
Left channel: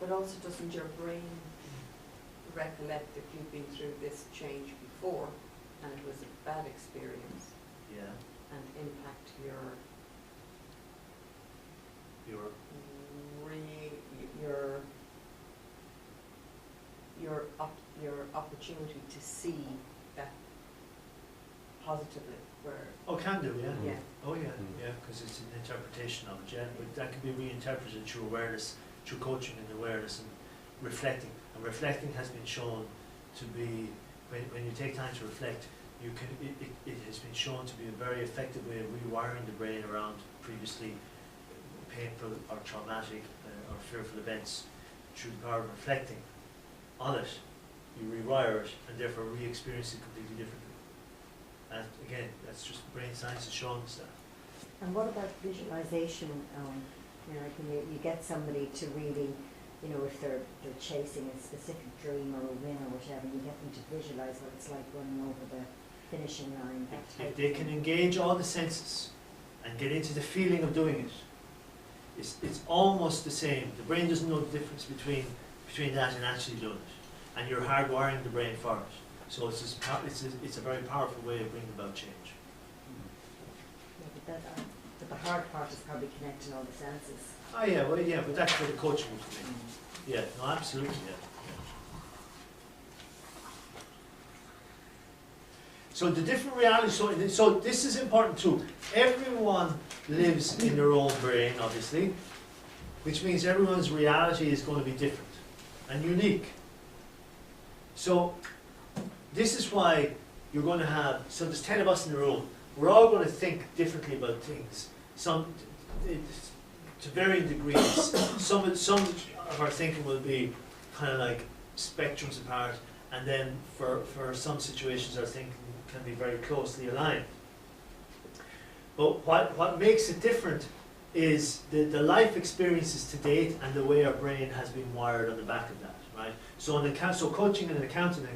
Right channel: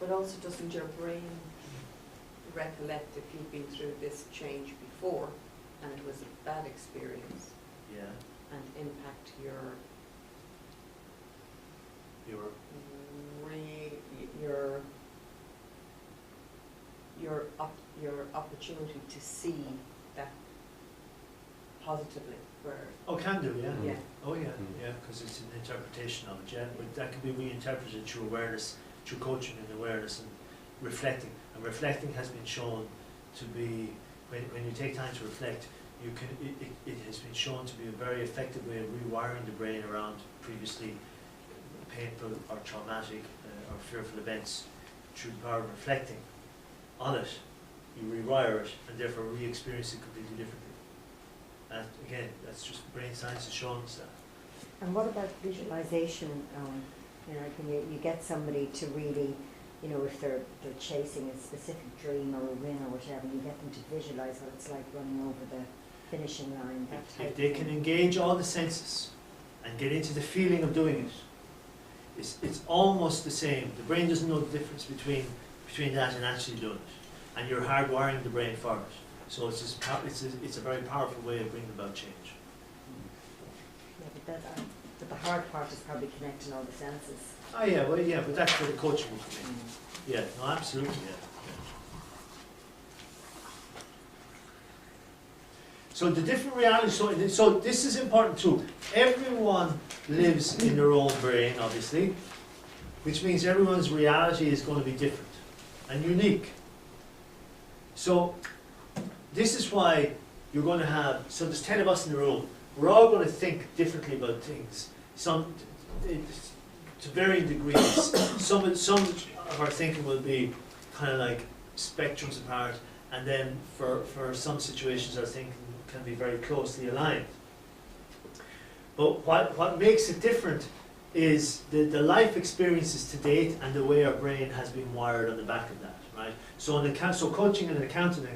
But also, doesn't your brain recollect if you've been through this change before and it was a bad experience Yeah. and impact your your opportunity to see that positively, where Oh, can do, yeah. yeah. Oh, yeah, Mm. yeah, because it's an interpretation of it, yeah. But that can be reinterpreted through awareness, through coaching and awareness and reflecting. And reflecting has been shown to be, when you take time to reflect, you can. It has been shown to be a very effective way of rewiring the brain around previously painful or traumatic or fearful events. Through the power of reflecting on it, you rewire it and therefore re-experience it completely differently. And again, that's just brain science is showing us that. And what about visualization? You know, when you get somebody to really, you know, if they're chasing a specific dream or a win or whatever, you get them to visualize what it's like running over the finishing line. That type If they of can thing. engage all the senses and get into the feeling of doing it, it's almost the same. The brain doesn't know the difference between that and actually doing it, and you're hardwiring the brain for it. So it's a very powerful way of bringing about change. Yeah, but the hard part is probably connecting all the senses. Oh yeah, well yeah, but that's where the coaching will come in. Yeah, no, absolutely, yeah. So the different realities, so this is important too. Everyone lives in their own brain, obviously, which means everyone's reality is going to be different and unique. So this is why you're going to have, so there's 10 of us in the room, we're all going to think differently about things, some to varying degrees. Some of our thinking will be kind of like spectrums apart, and then for some situations our thinking can be very closely aligned. But what makes it different is the life experiences to date and the way our brain has been wired on the back of that, right? So coaching an accountant,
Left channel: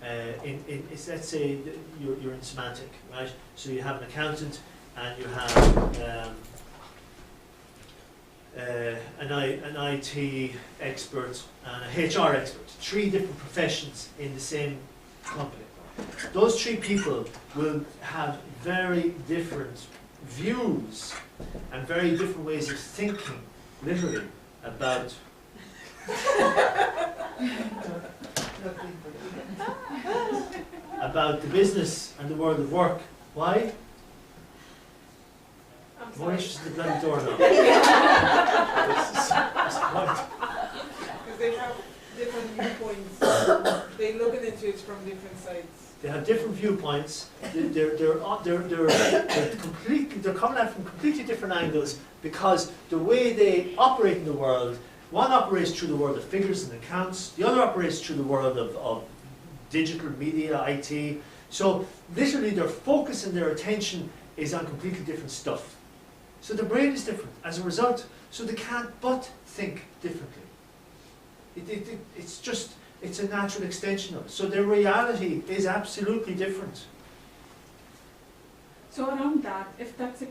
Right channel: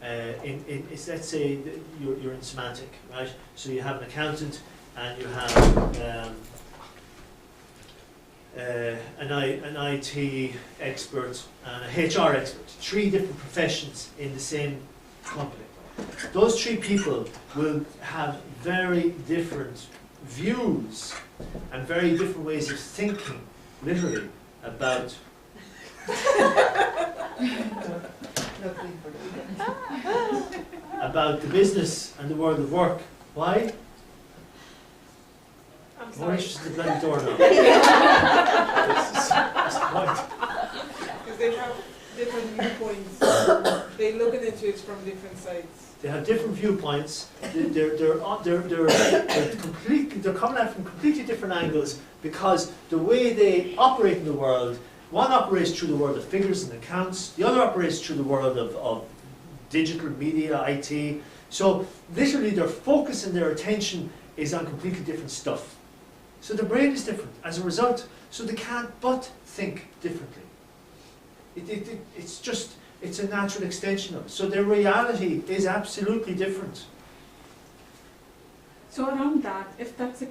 let's say you're in semantic, right? So you have an accountant and you have an IT expert and a HR expert, 3 different professions in the same company. Those 3 people will have very different views and very different ways of thinking, literally, about about the business and the world of work. Why? I'm More sorry. interested in the bloody door now. That's the point. Because they have different viewpoints. They look at it from different sides. They have different viewpoints. They're coming at it from completely different angles because the way they operate in the world, one operates through the world of figures and accounts, the other operates through the world of digital media, IT. So literally their focus and their attention is on completely different stuff. So the brain is different as a result, so they can't but think differently. It's a natural extension of it. So their reality is absolutely different. So around that, if that's a,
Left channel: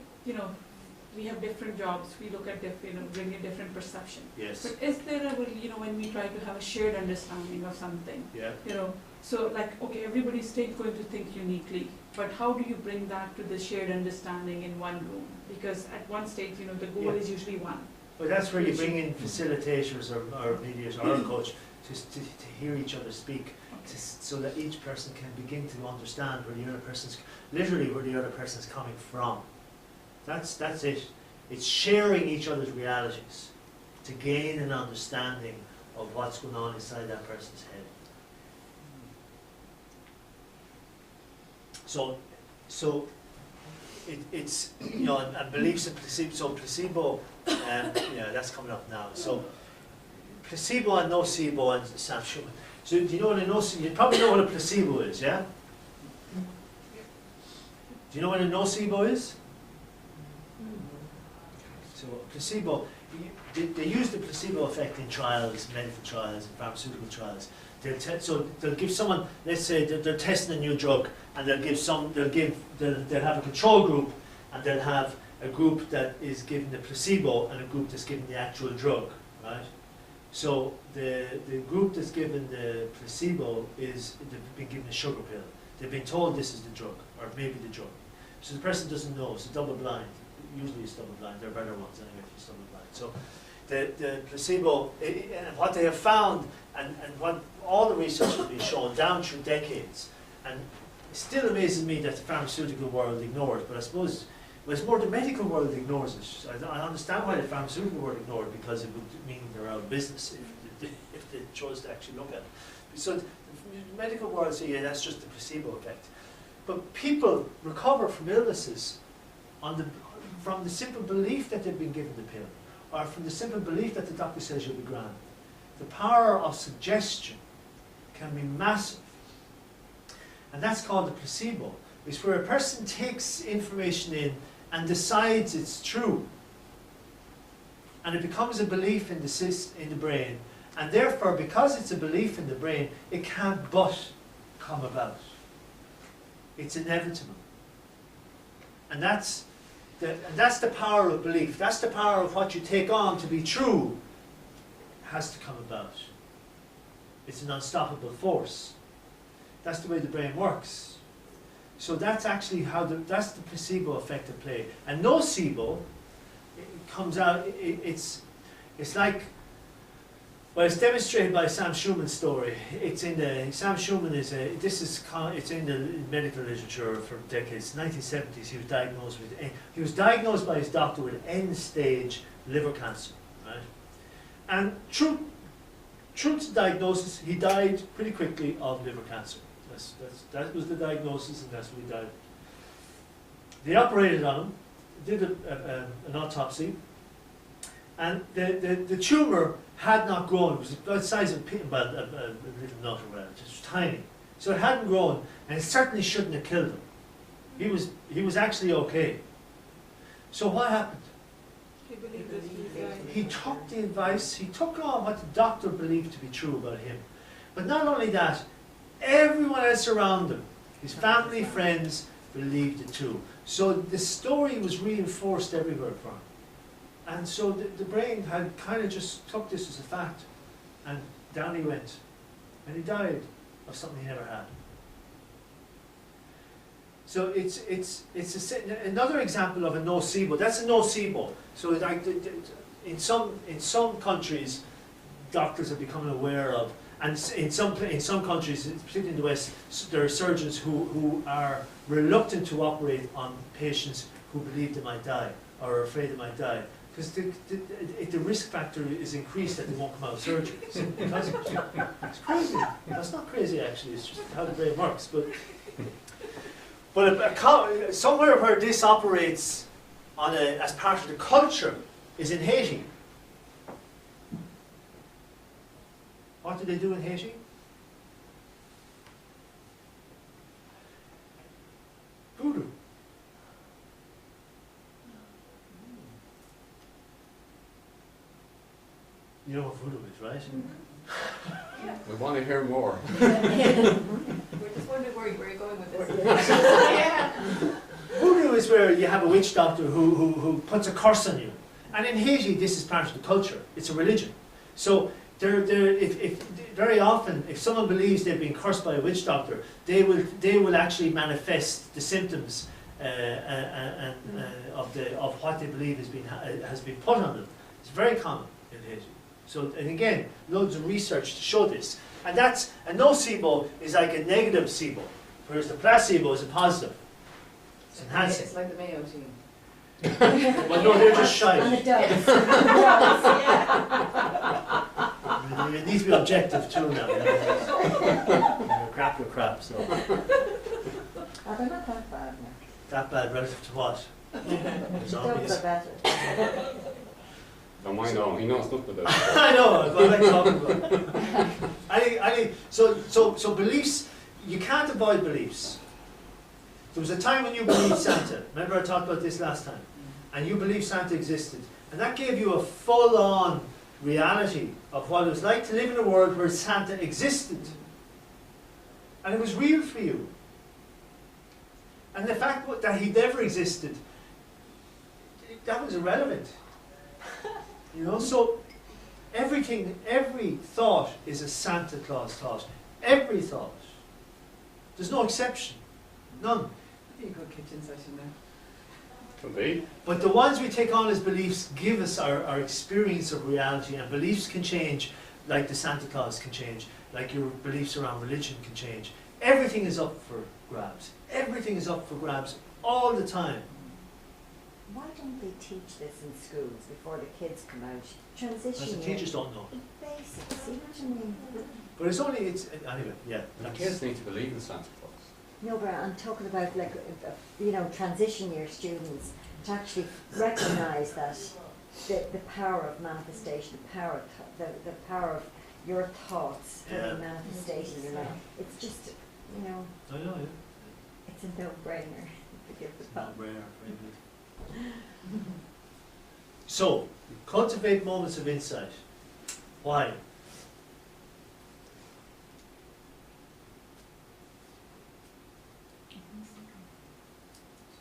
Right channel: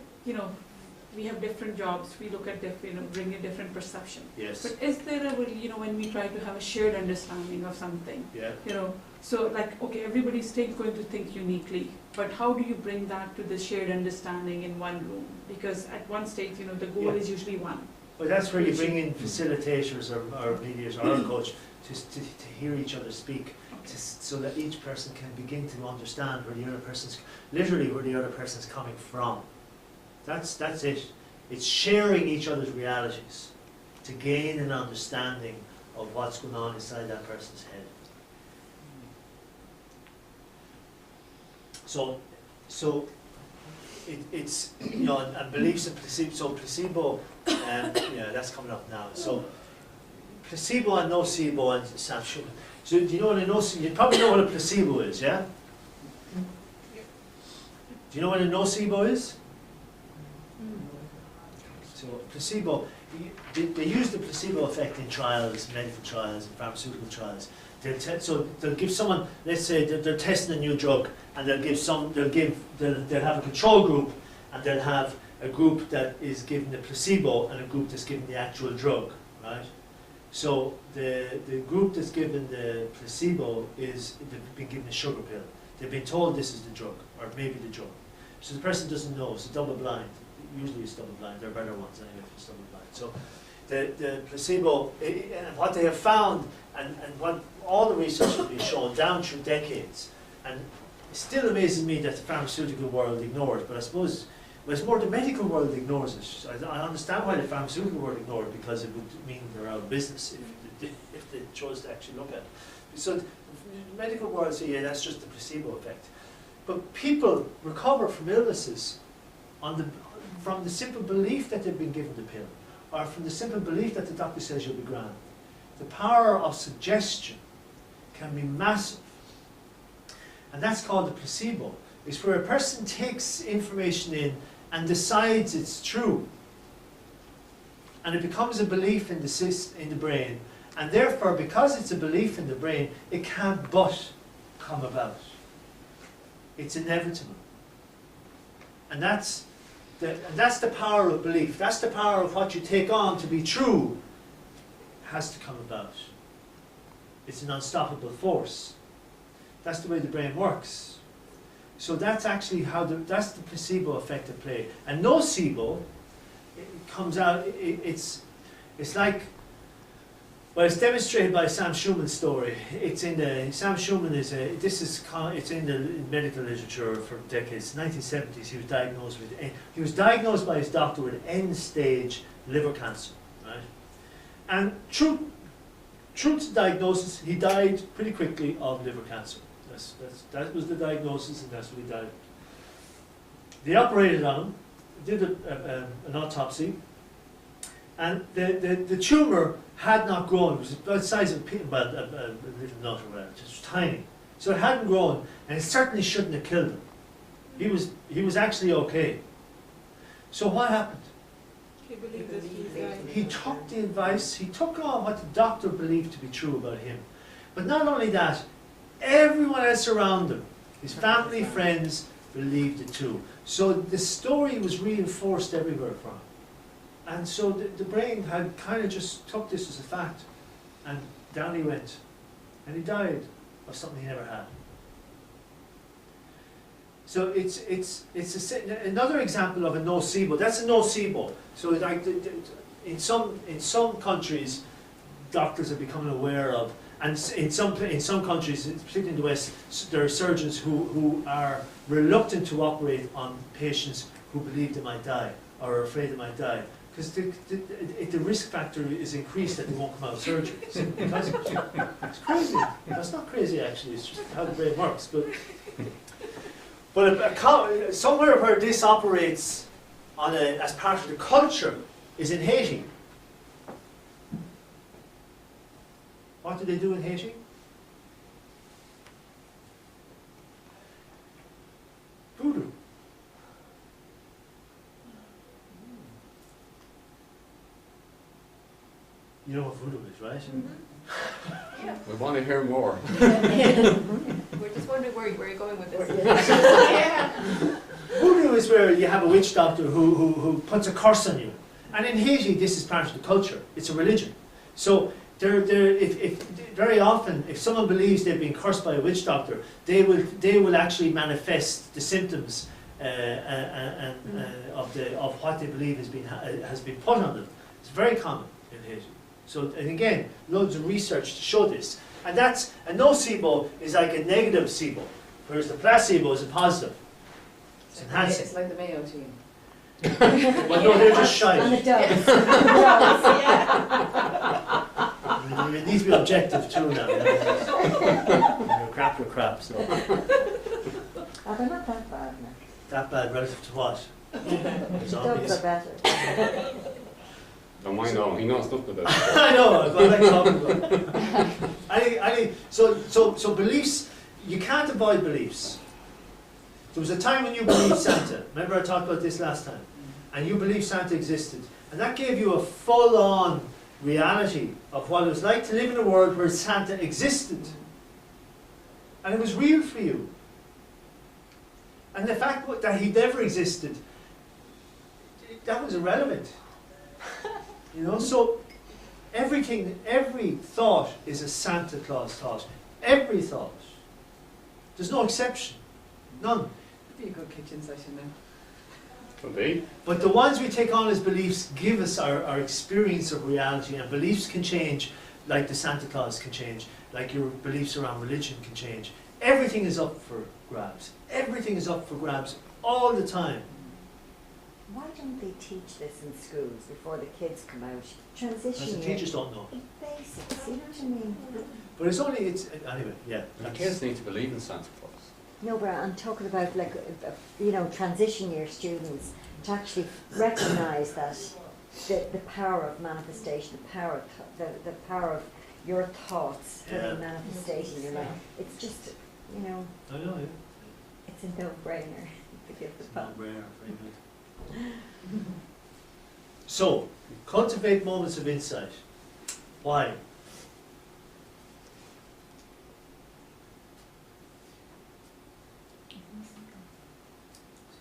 we have different jobs, we look at bring a different perception. Yes. But is there a, when we try to have a shared understanding of something, Yeah. so like, okay, everybody's still going to think uniquely, but how do you bring that to the shared understanding in one room? Because at one stage, the goal Yeah. is usually one. Well, that's where you bring in facilitators or mediators or a coach to hear each other speak, so that each person can begin to understand where the other person's, literally where the other person's coming from. That's it. It's sharing each other's realities to gain an understanding of what's going on inside that person's head. So it's and beliefs in placebo. So placebo, that's coming up now. So placebo and nocebo and Sam Schumann. So do you know what a nocebo? You probably know what a placebo is, yeah? Do you know what a nocebo is? So placebo, they use the placebo effect in trials, medical trials, and pharmaceutical trials. They'll give someone, let's say they're testing a new drug, and they'll have a control group, and they'll have a group that is given the placebo and a group that's given the actual drug, right? So the group that's given the placebo they've been given a sugar pill. They've been told this is the drug, or maybe the drug. So the person doesn't know, it's double blind. Usually it's double blind, there are better ones anyway if it's double blind. So the placebo, and what they have found, and what all the research has been shown down through decades, and it still amazes me that the pharmaceutical world ignores, but I suppose it's more the medical world ignores it. I understand why the pharmaceutical world ignores it, because it would mean they're out of business if they chose to actually look at it. So the medical world say, yeah, that's just the placebo effect. But people recover from illnesses from the simple belief that they've been given the pill, or from the simple belief that the doctor says you'll be grand. The power of suggestion can be massive. And that's called the placebo. It's where a person takes information in and decides it's true. And it becomes a belief in the brain. And therefore, because it's a belief in the brain, it can't but come about. It's inevitable. And that's the power of belief. That's the power of what you take on to be true has to come about. It's an unstoppable force. That's the way the brain works. So that's actually that's the placebo effect at play. And nocebo, it comes out, it's like, well, it's demonstrated by Sam Schumann's story. Sam Schumann it's in the medical literature for decades. 1970s, he was diagnosed by his doctor with end-stage liver cancer, right? And true to the diagnosis, he died pretty quickly of liver cancer. That was the diagnosis, and that's what he died. They operated on him, did an autopsy, and the tumour had not grown. It was about the size of a little nut or whatever, just tiny. So it hadn't grown, and it certainly shouldn't have killed him. He was actually okay. So what happened? He believed that he died. He took the advice, he took on what the doctor believed to be true about him. But not only that, everyone else around him, his family, friends, believed it too. So the story was reinforced everywhere for him. And so the brain had kind of just took this as a fact, and down he went. And he died of something he never had. So it's another example of a nocebo. That's a nocebo. So like in some countries, doctors are becoming aware of, and in some countries, particularly in the West, there are surgeons who are reluctant to operate on patients who believe they might die or are afraid they might die, because the risk factor is increased that they won't come out of surgery. Because it's crazy. That's not crazy actually. It's just how the brain works. But somewhere where this operates as part of the culture is in Haiti. What do they do in Haiti? Voodoo. You know what voodoo is, right? Mm-hmm. Yeah. We want to hear more. We're just wondering where you're going with this. Yeah. Voodoo is where you have a witch doctor who puts a curse on you. And in Haiti, this is part of the culture. It's a religion. So very often, if someone believes they've been cursed by a witch doctor, they will actually manifest the symptoms of what they believe has been put on them. It's very common in Haiti. So, and again, loads of research to show this. And that's, a nocebo is like a negative SIBO, whereas the placebo is a positive. It's enhancing. It's like the Mayo team. Well, no, they're just shy. And it does. It needs to be objective too now. Crap, you're crap. So Oh, they're not that bad now. that bad relative to what? Dogs Zombies. are better. Don't mind all, he knows nothing about it. I know. What I'm talking about. So beliefs. You can't avoid beliefs. There was a time when you believed Santa. Remember I talked about this last time. And you believed Santa existed. And that gave you a full-on reality of what it was like to live in a world where Santa existed. And it was real for you. And the fact that he never existed, that was irrelevant. You know, so every every thought is a Santa Claus thought. Every thought. There's no exception. None. That'd be a good kitchen session now. Could be. But the ones we take on as beliefs give us our experience of reality, and beliefs can change, like the Santa Claus can change, like your beliefs around religion can change. Everything is up for grabs. Everything is up for grabs all the time. Why don't they teach this in schools before the kids come out? Because Transition the year. teachers don't know. The basics, you know what I mean? But anyway, yeah. The kids need to believe in Santa Claus. No, but I'm talking about like, transition year students to actually recognise that the power of manifestation, the power of your thoughts Yeah. manifestation in your life. It's just, I know, yeah. it's a no-brainer to give the It's thought. not rare, very good. So, cultivate moments of insight. Why?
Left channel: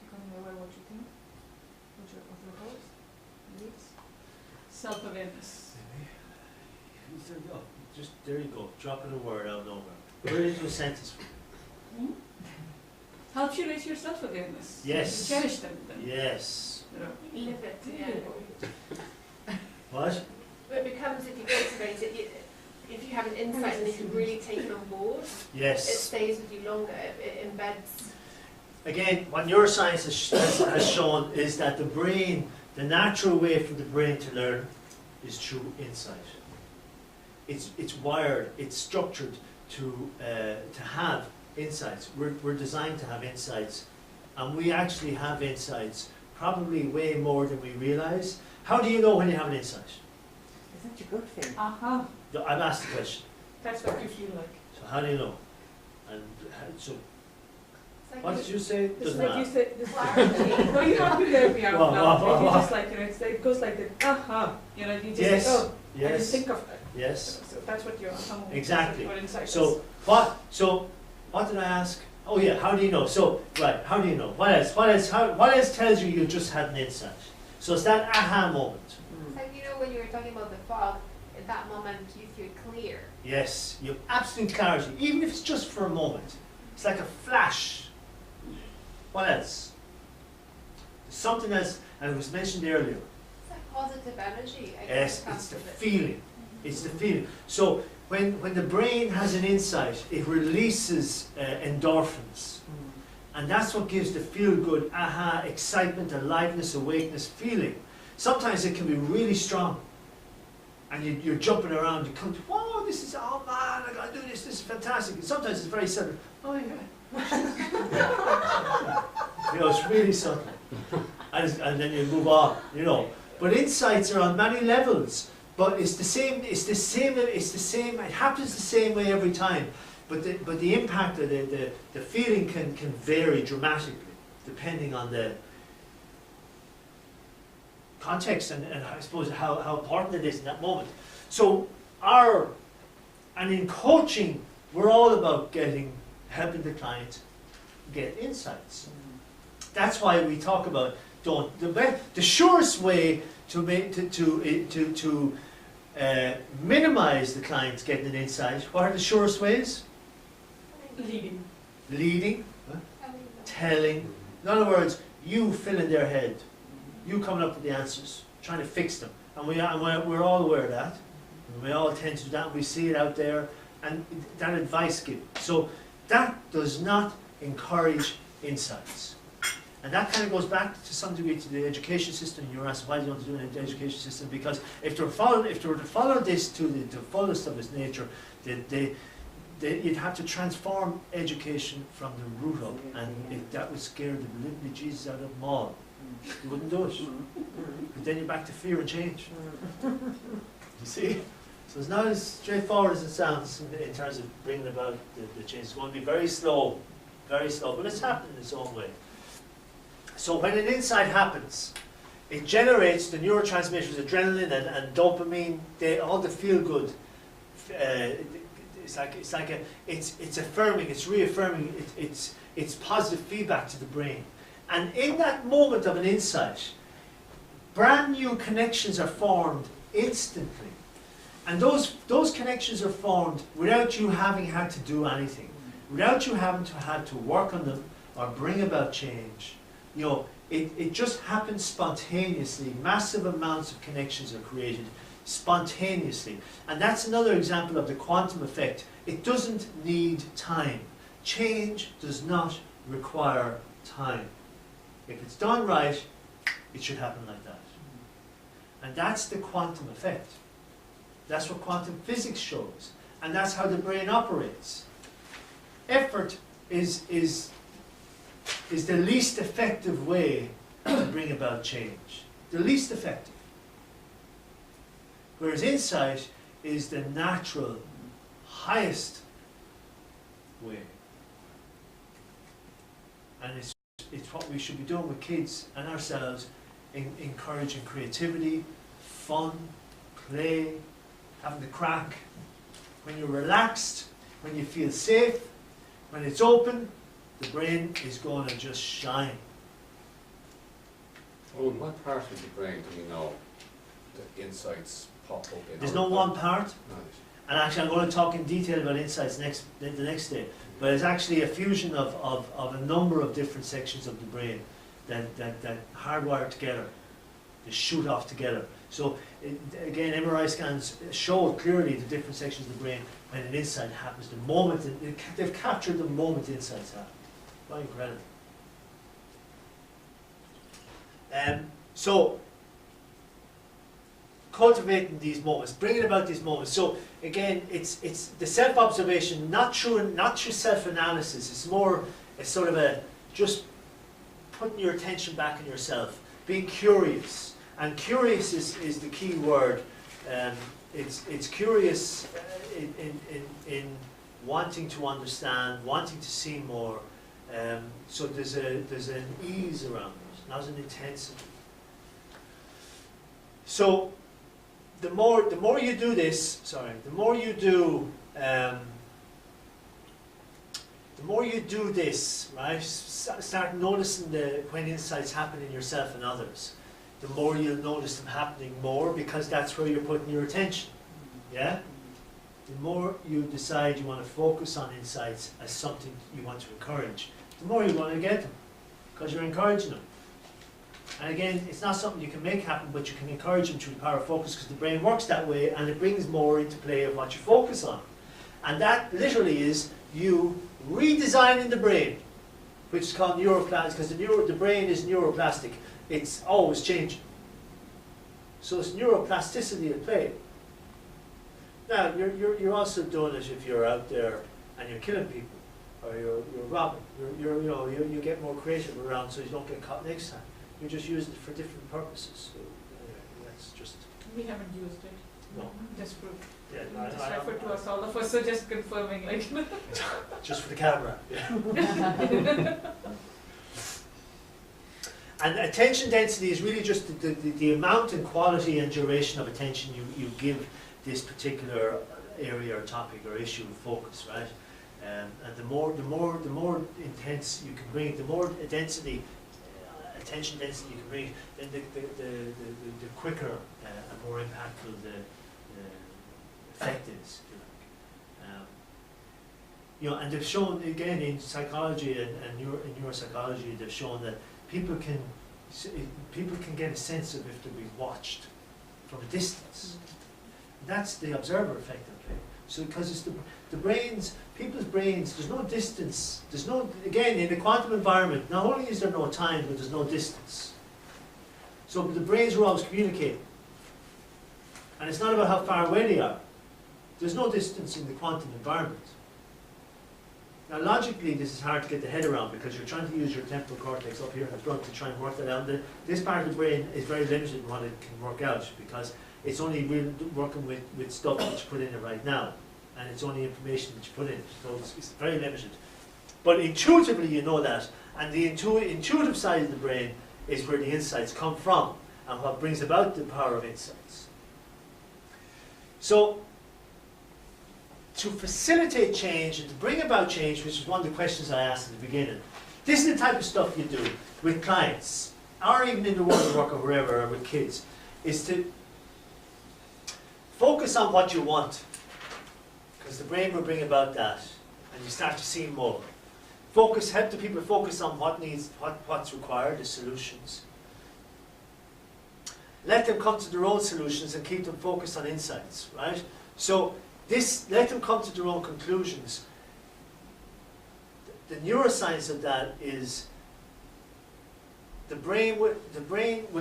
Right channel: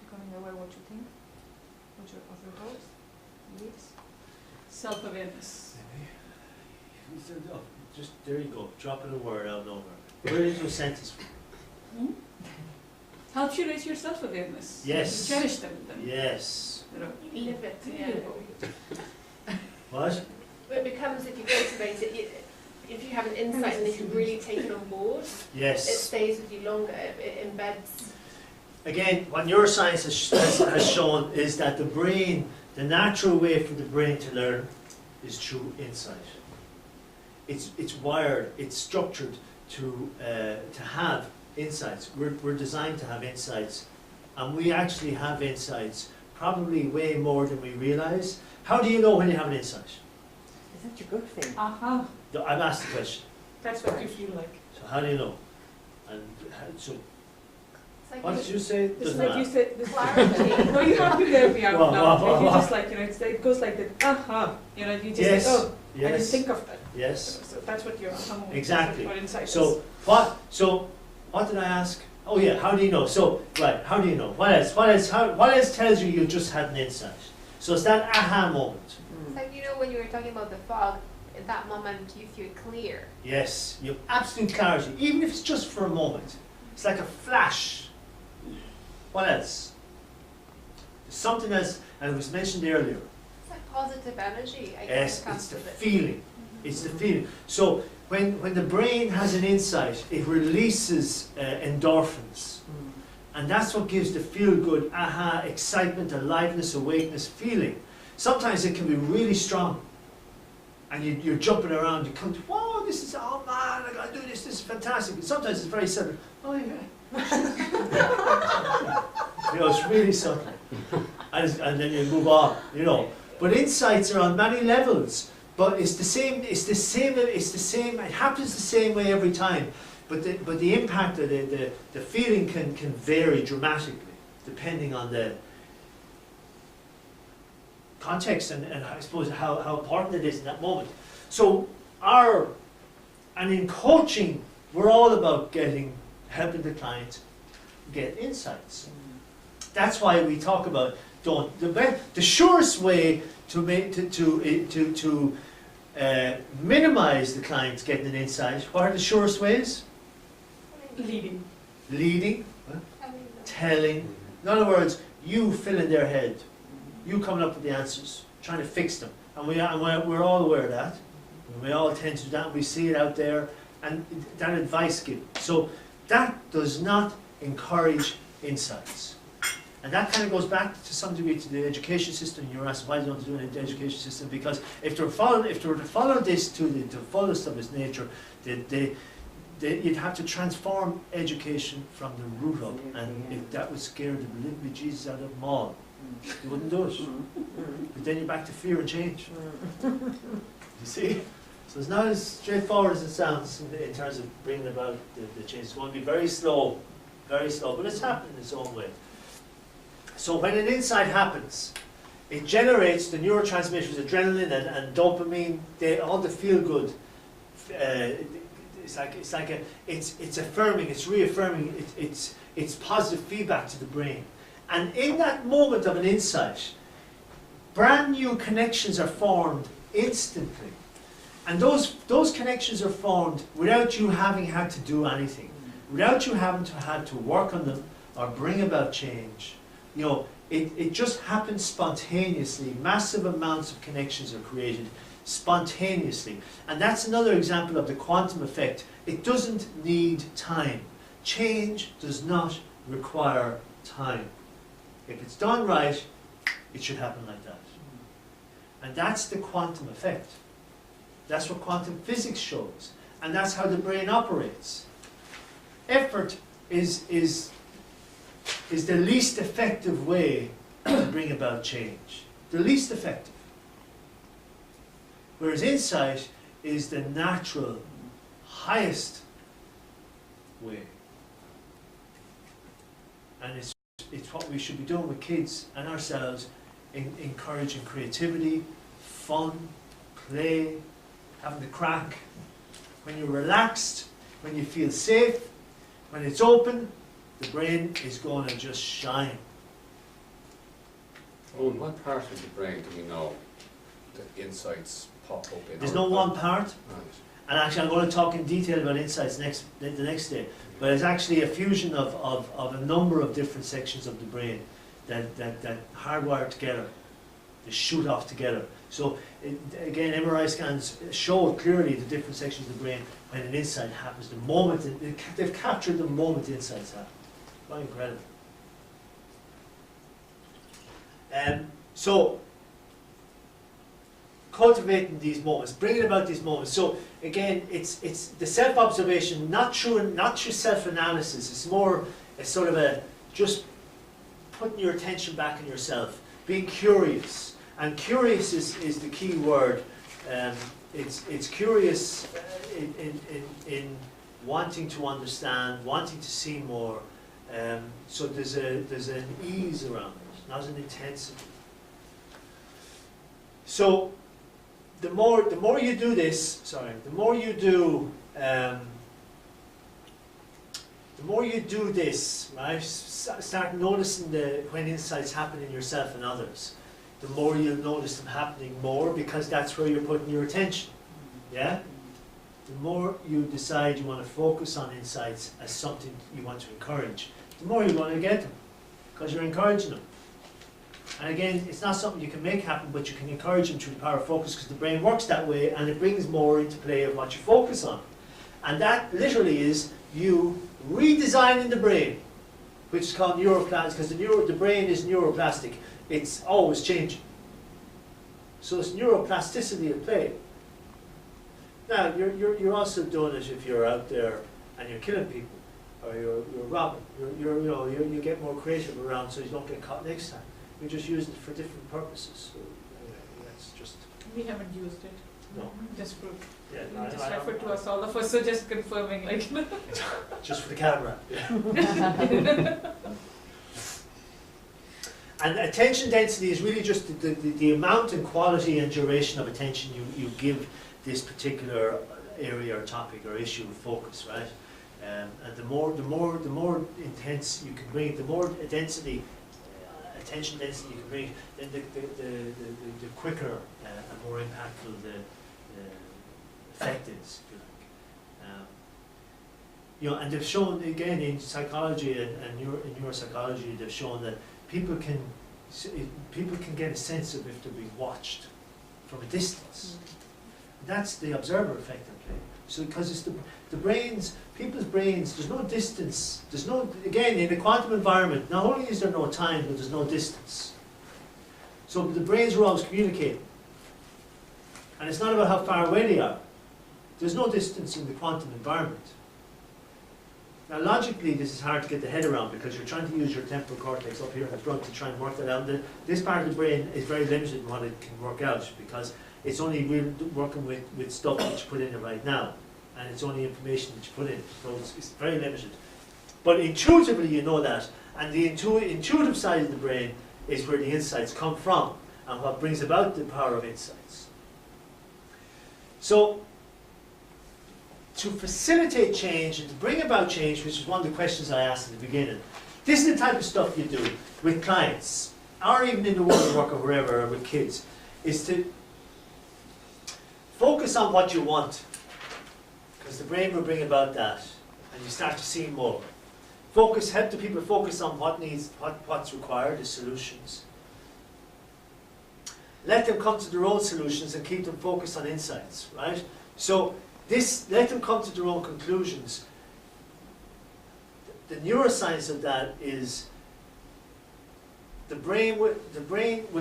Becoming aware what you think, of your thoughts, beliefs. Self-awareness. Oh, just there you go. Dropping a word out of nowhere. Put it into a sentence. Helps you raise your self-awareness. Yes. You cherish them then. Yes. You know. You live it, There yeah. you go. What? It becomes, if you cultivate it, if you have an insight and you can really take it on board, it Yes. stays with you longer, it embeds. Again, what neuroscience has shown is that the brain, the natural way for the brain to learn is through insight. It's wired, it's structured to have insights. We're designed to have insights, and we actually have insights probably way more than we realize. How do you know when you have an insight? Is that your gut feeling? Aha. I've asked the question. That's what you feel like. So how do you know? And so It's like what did you say? It's Doesn't like you matter. said, this clarity. no, you have to hear me out Wow, now. wow, wow, You wow. just like, it goes like that, aha. You know, you just Yes. like, oh, I didn't Yes. think of that. Yes. So that's what your aha moment is, Exactly. or insight is. So what did I ask? Oh yeah, how do you know? So right, how do you know? What else? What else tells you just had an insight? So it's that aha moment. Mm. Like, you know, when you were talking about the fog, at that moment you feel clear. Yes, you have absolute clarity, even if it's just for a moment. It's like a flash. What else? There's something else, and it was mentioned earlier. It's like positive energy, I guess. Yes, it comes it's the with it. feeling. It's the feeling. So when the brain has an insight, it releases endorphins. And that's what gives the feel-good, aha, excitement, aliveness, awakeness feeling. Sometimes it can be really strong. And you're jumping around, you come to, whoa, this is, oh man, I gotta do this is fantastic. And sometimes it's very subtle, oh yeah. You know, it's really subtle. And then you move on, you know. But insights are on many levels. But it happens the same way every time. But the impact of the feeling can vary dramatically depending on the context and I suppose how important it is in that moment. So and in coaching, we're all about helping the client get insights. That's why we talk about the surest way to minimize the client getting an insight. What are the surest ways? Leading, telling. In other words, you fill in their head, you coming up with the answers, trying to fix them, and we're all aware of that. We all tend to do that. We see it out there, and that advice given. So that does not encourage insights. And that kind of goes back to some degree to the education system. You're asked why don't they do an education system? Because if they were to follow this to the fullest of its nature, you'd have to transform education from the root up, and that would scare the living bejesus out of them all. You wouldn't do it. But then you're back to fear and change. You see? So it's not as straightforward as it sounds in terms of bringing about the change. It's going to be very slow, but it's happening in its own way. So when an insight happens, it generates the neurotransmitters, adrenaline and dopamine, all the feel-good. It's affirming, it's reaffirming, it's positive feedback to the brain. And in that moment of an insight, brand new connections are formed instantly. And those connections are formed without you having had to do anything, without you having to had to work on them or bring about change. You know, it just happens spontaneously. Massive amounts of connections are created spontaneously. And that's another example of the quantum effect. It doesn't need time. Change does not require time. If it's done right, it should happen like that. And that's the quantum effect. That's what quantum physics shows. And that's how the brain operates. Effort is the least effective way to bring about change. The least effective. Whereas insight is the natural, highest way. And it's what we should be doing with kids and ourselves, encouraging creativity, fun, play, having the crack. When you're relaxed, when you feel safe, when it's open, the brain is going to just shine. Oh, in what part of the brain do we know the insights pop up in? There's no one part. Right. And actually, I'm going to talk in detail about insights the next day. But it's actually a fusion of a number of different sections of the brain that hardwire together. They shoot off together. So again, MRI scans show clearly the different sections of the brain when an insight happens. The moment they've captured the moment the insights happen. Quite incredible. So cultivating these moments, bringing about these moments. So again, it's the self-observation, not through self-analysis. It's more a sort of a just putting your attention back on yourself, being curious. And curious is the key word. It's curious in wanting to understand, wanting to see more. So there's an ease around it, not an intensity. So the more you do this, the more you do this, right? Start noticing when insights happen in yourself and others. The more you'll notice them happening more, because that's where you're putting your attention. Yeah? The more you decide you want to focus on insights as something you want to encourage, the more you're going to get them, because you're encouraging them. And again, it's not something you can make happen, but you can encourage them through the power of focus, because the brain works that way, and it brings more into play of what you focus on. And that literally is you redesigning the brain, which is called neuroplasticity, because the brain is neuroplastic. It's always changing. So it's neuroplasticity at play. Now, you're also doing it if you're out there and you're killing people, or you're robbing. You get more creative around so you don't get caught next time. You're just using it for different purposes. So that's just. We haven't used it. No. Just for. Yeah, Just refer to us, all of us, so just confirming, like. Just for the camera. Yeah. And attention density is really just the amount and quality and duration of attention you give this particular area or topic or issue of focus, right? And the more intense you can bring, the more density, attention density you can bring, then the quicker and more impactful the effect is, if you like. And they've shown again in psychology and in neuropsychology, they've shown that people can get a sense of if they're being watched from a distance. That's the observer effect at play. So because it's people's brains, there's no distance. Again, in a quantum environment, not only is there no time, but there's no distance. So the brains are always communicating. And it's not about how far away they are. There's no distance in the quantum environment. Now logically this is hard to get the head around, because you're trying to use your temporal cortex up here in the front to try and work that out. This part of the brain is very limited in what it can work out, because it's only working with stuff that you put in it right now, and it's only information that you put in, so it's very limited. But intuitively you know that, and the intuitive side of the brain is where the insights come from, and what brings about the power of insights. So to facilitate change and to bring about change, which is one of the questions I asked at the beginning, this is the type of stuff you do with clients, or even in the world of work or wherever, or with kids, is to focus on what you want, because the brain will bring about that, and you start to see more. Help the people focus on what's required, the solutions. Let them come to their own solutions and keep them focused on insights, right? So let them come to their own conclusions. The neuroscience of that is the brain will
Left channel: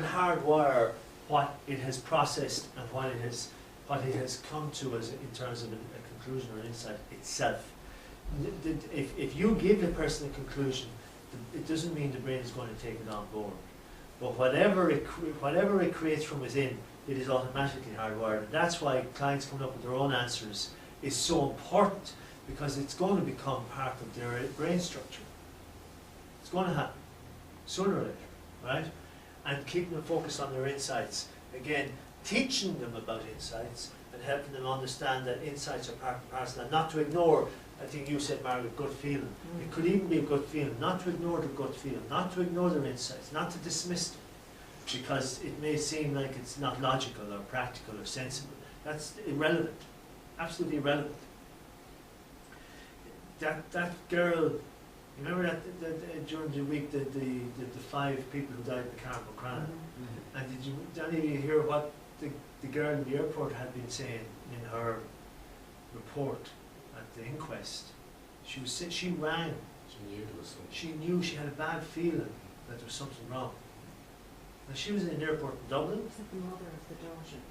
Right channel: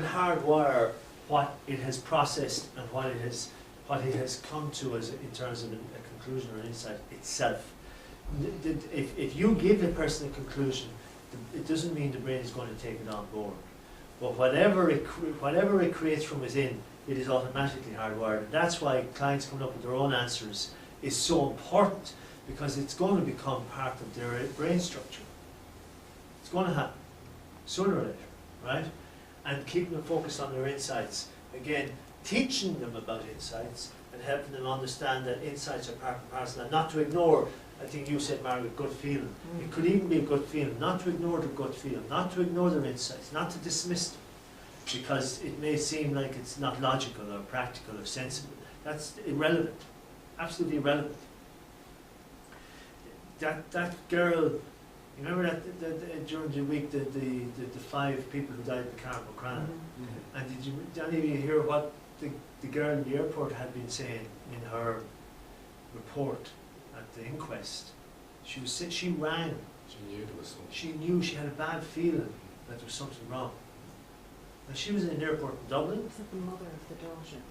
hardwire what it has processed and what it has come to as in terms of a conclusion or an insight itself. If you give a person a conclusion, it doesn't mean the brain is going to take it on board. But whatever it creates from within, it is automatically hardwired. And that's why clients coming up with their own answers is so important, because it's going to become part of their brain structure. It's going to happen, sooner or later, right? And keeping them focused on their insights. Again, teaching them about insights and helping them understand that insights are part and parcel, and not to ignore, I think you said, Margaret, gut feeling. It could even be a gut feeling, not to ignore the gut feeling, not to ignore their insights, not to dismiss them, because it may seem like it's not logical or practical or sensible. That's irrelevant, absolutely irrelevant. That girl, you remember that during the week, the 5 people who died in the car in Buchanan? Mm-hmm. And did any of you hear what the girl in the airport had been saying in her report at the inquest? She rang. She knew there was something. She knew she had a bad feeling that there was something wrong. And she was in an airport in Dublin. Was that the mother of the daughter?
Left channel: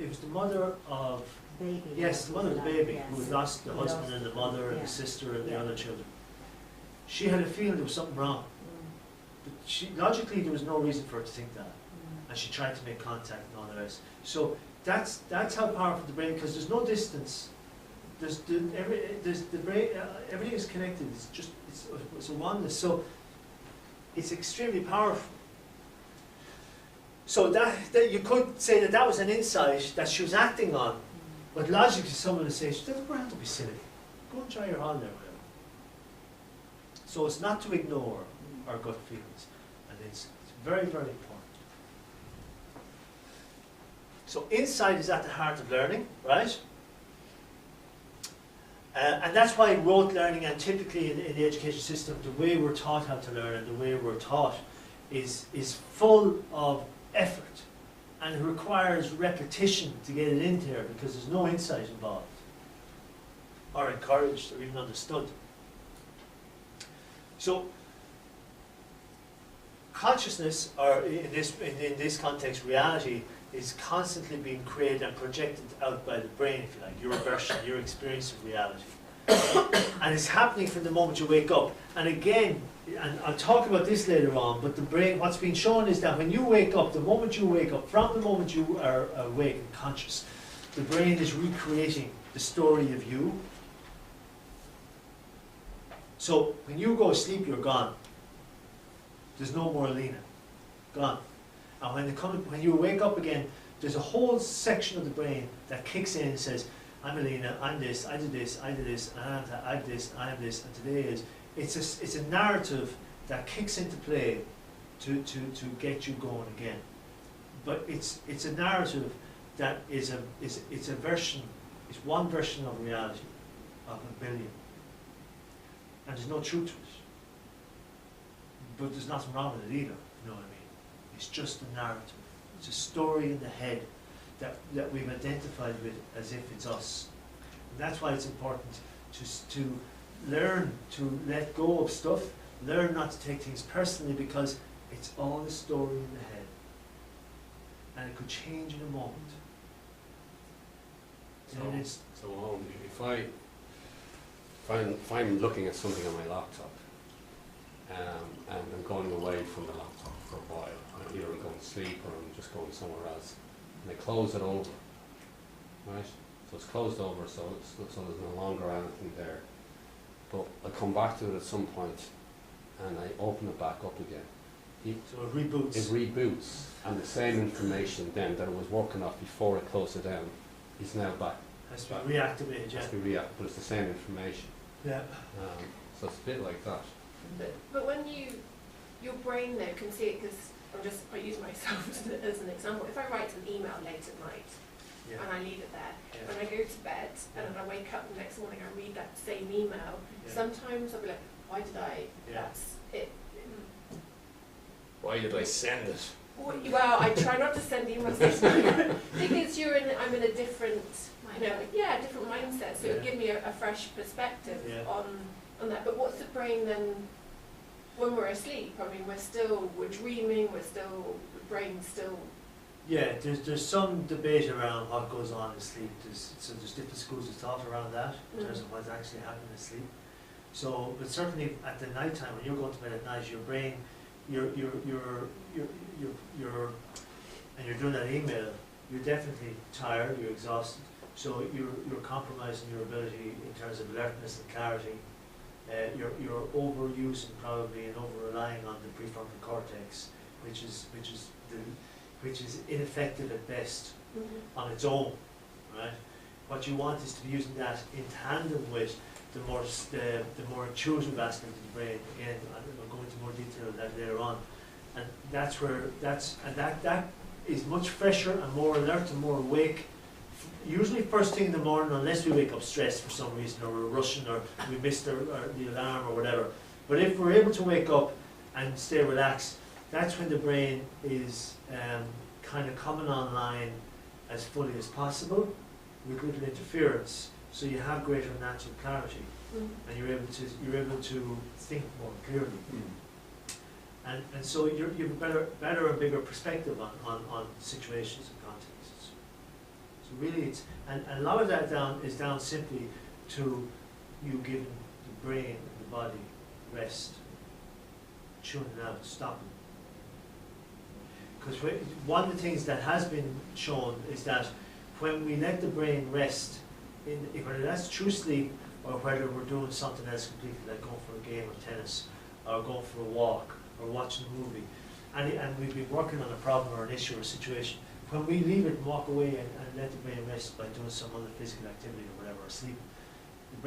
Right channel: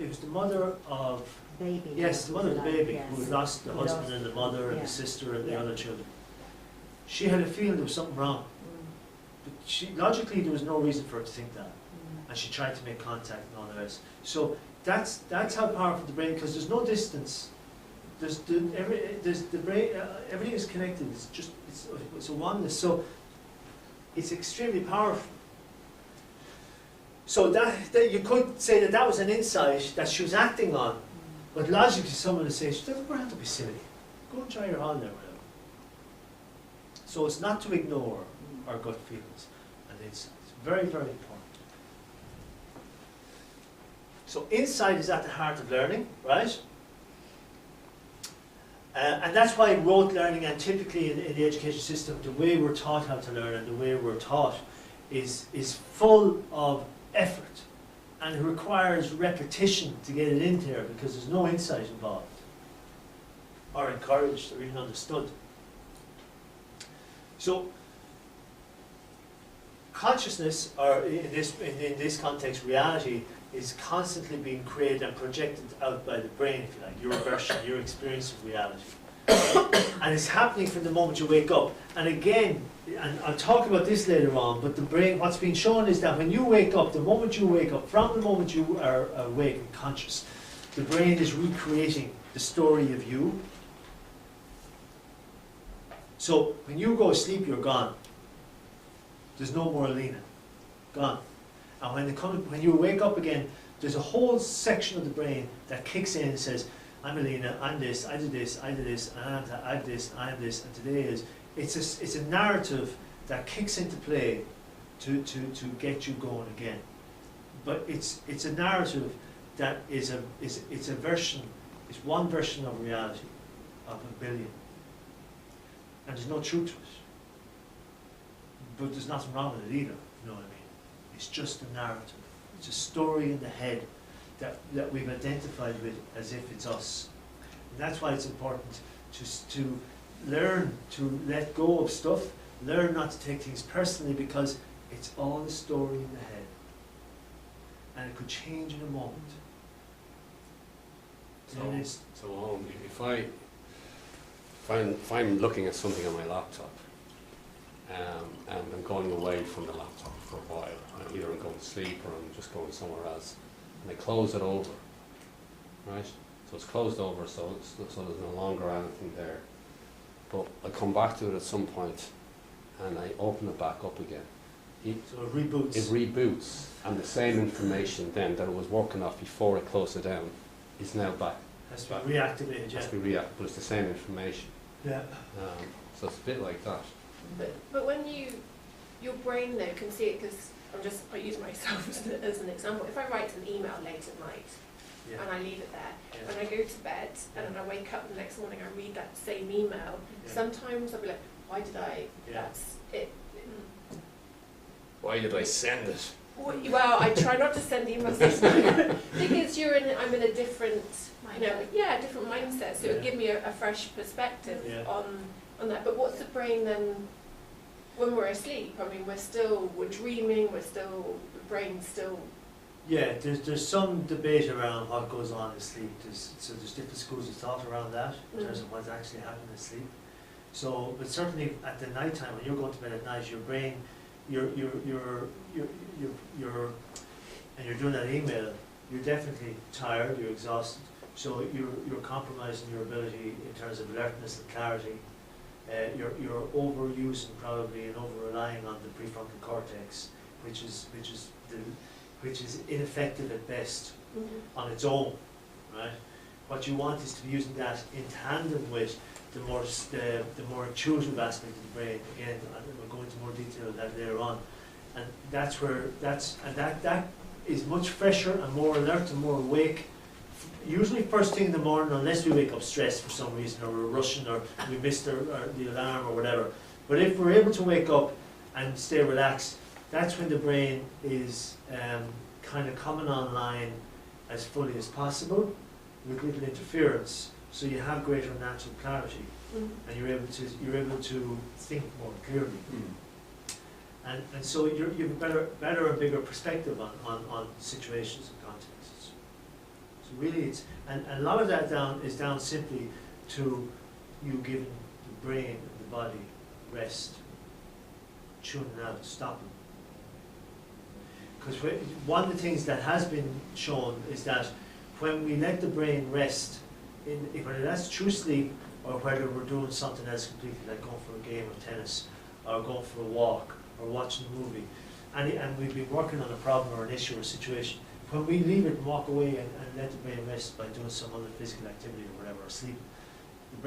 It was the mother of, Baby. yes, the mother of the baby, Yes. who had lost the husband and the mother and Yeah. the sister and the Yeah. other children. She had a feeling there was something wrong. But logically, there was no reason for her to think that. And she tried to make contact and all the rest. So that's how powerful the brain, because there's no distance. There's the brain. Everything is connected. It's a oneness. So it's extremely powerful. So that you could say that was an insight that she was acting on, but logically, someone would say, "She doesn't have to be silly. Go and try your holiday or whatever." So it's not to ignore our gut feelings and insights. Very, very important. So insight is at the heart of learning, right? And that's why rote learning, and typically in the education system, the way we're taught how to learn and the way we're taught is full of effort, and it requires repetition to get it in there, because there's no insight involved, or encouraged, or even understood. So consciousness, or in this context, reality, is constantly being created and projected out by the brain, if you like, your version, your experience of reality. And it's happening from the moment you wake up. And again, and I'll talk about this later on, but the brain, what's being shown is that when you wake up, the moment you wake up, from the moment you are awake and conscious, the brain is recreating the story of you. So when you go to sleep, you're gone. There's no more Alina. Gone. And when you wake up again, there's a whole section of the brain that kicks in and says, I'm Alina, I'm this, I did this, I did this, I have that, I have this, I have this, and today is. It's a narrative that kicks into play to get you going again. But it's a narrative that is a version, it's one version of reality, of a billion. And there's no truth to it. But there's nothing wrong with it either, you know what I mean? It's just a narrative. It's a story in the head that we've identified with as if it's us. And that's why it's important to learn to let go of stuff, learn not to take things personally, because it's all a story in the head. And it could change in a moment. So if I'm looking at something on my laptop, and I'm going away from the laptop for a while, either I'm going to sleep or I'm just going somewhere else, and I close it over, right? So it's closed over, so there's no longer anything there. But I come back to it at some point, and I open it back up again. So it reboots. It reboots, and the same information then that it was working off before I closed it down is now back. Has to be reactivated, yeah. Has to be reactivated, but it's the same information. Yeah. So it's a bit like that. But when your brain though can see it, because I use myself as an example. If I write an email late at night, Yeah. and I leave it there. Yeah. When I go to bed and then I wake up the next morning, I read that same email. Yeah. Sometimes I'll be like, why did I? Yeah. That's it. Why did I send it? Well, I try not to send emails because I'm in a different, different mindset. So it'll give me a fresh perspective Yeah. on that. But what's the brain then when we're asleep? I mean, we're dreaming. The brain's still. Yeah, there's some debate around what goes on in sleep. There's different schools of thought around that in terms of what's actually happening in sleep. So, but certainly at the night time when you're going to bed at night, your brain, you're and you're doing that email, you're definitely tired, you're exhausted. So you're compromising your ability in terms of alertness and clarity. You're overusing probably and over relying on the prefrontal cortex, which is ineffective at best on its own, right? What you want is to be using that in tandem with the more intuitive aspect of the brain. Again, we'll go into more detail of that later on, and that is much fresher and more alert and more awake. Usually first thing in the morning, unless we wake up stressed for some reason, or we're rushing, or we missed the alarm or whatever. But if we're able to wake up and stay relaxed, that's when the brain is kind of coming online as fully as possible with little interference, so you have greater natural clarity, and you're able to think more clearly, and so you have a better and bigger perspective on situations and contexts. So really, it's and a lot of that is down simply to you giving the brain and the body rest, tuning out, stopping. Because one of the things that has been shown is that when we let the brain rest, whether that's true sleep or whether we're doing something else completely, like going for a game of tennis or going for a walk or watching a movie, and we've been working on a problem or an issue or a situation, when we leave it and walk away and let the brain rest by doing some other physical activity or whatever, or sleeping, the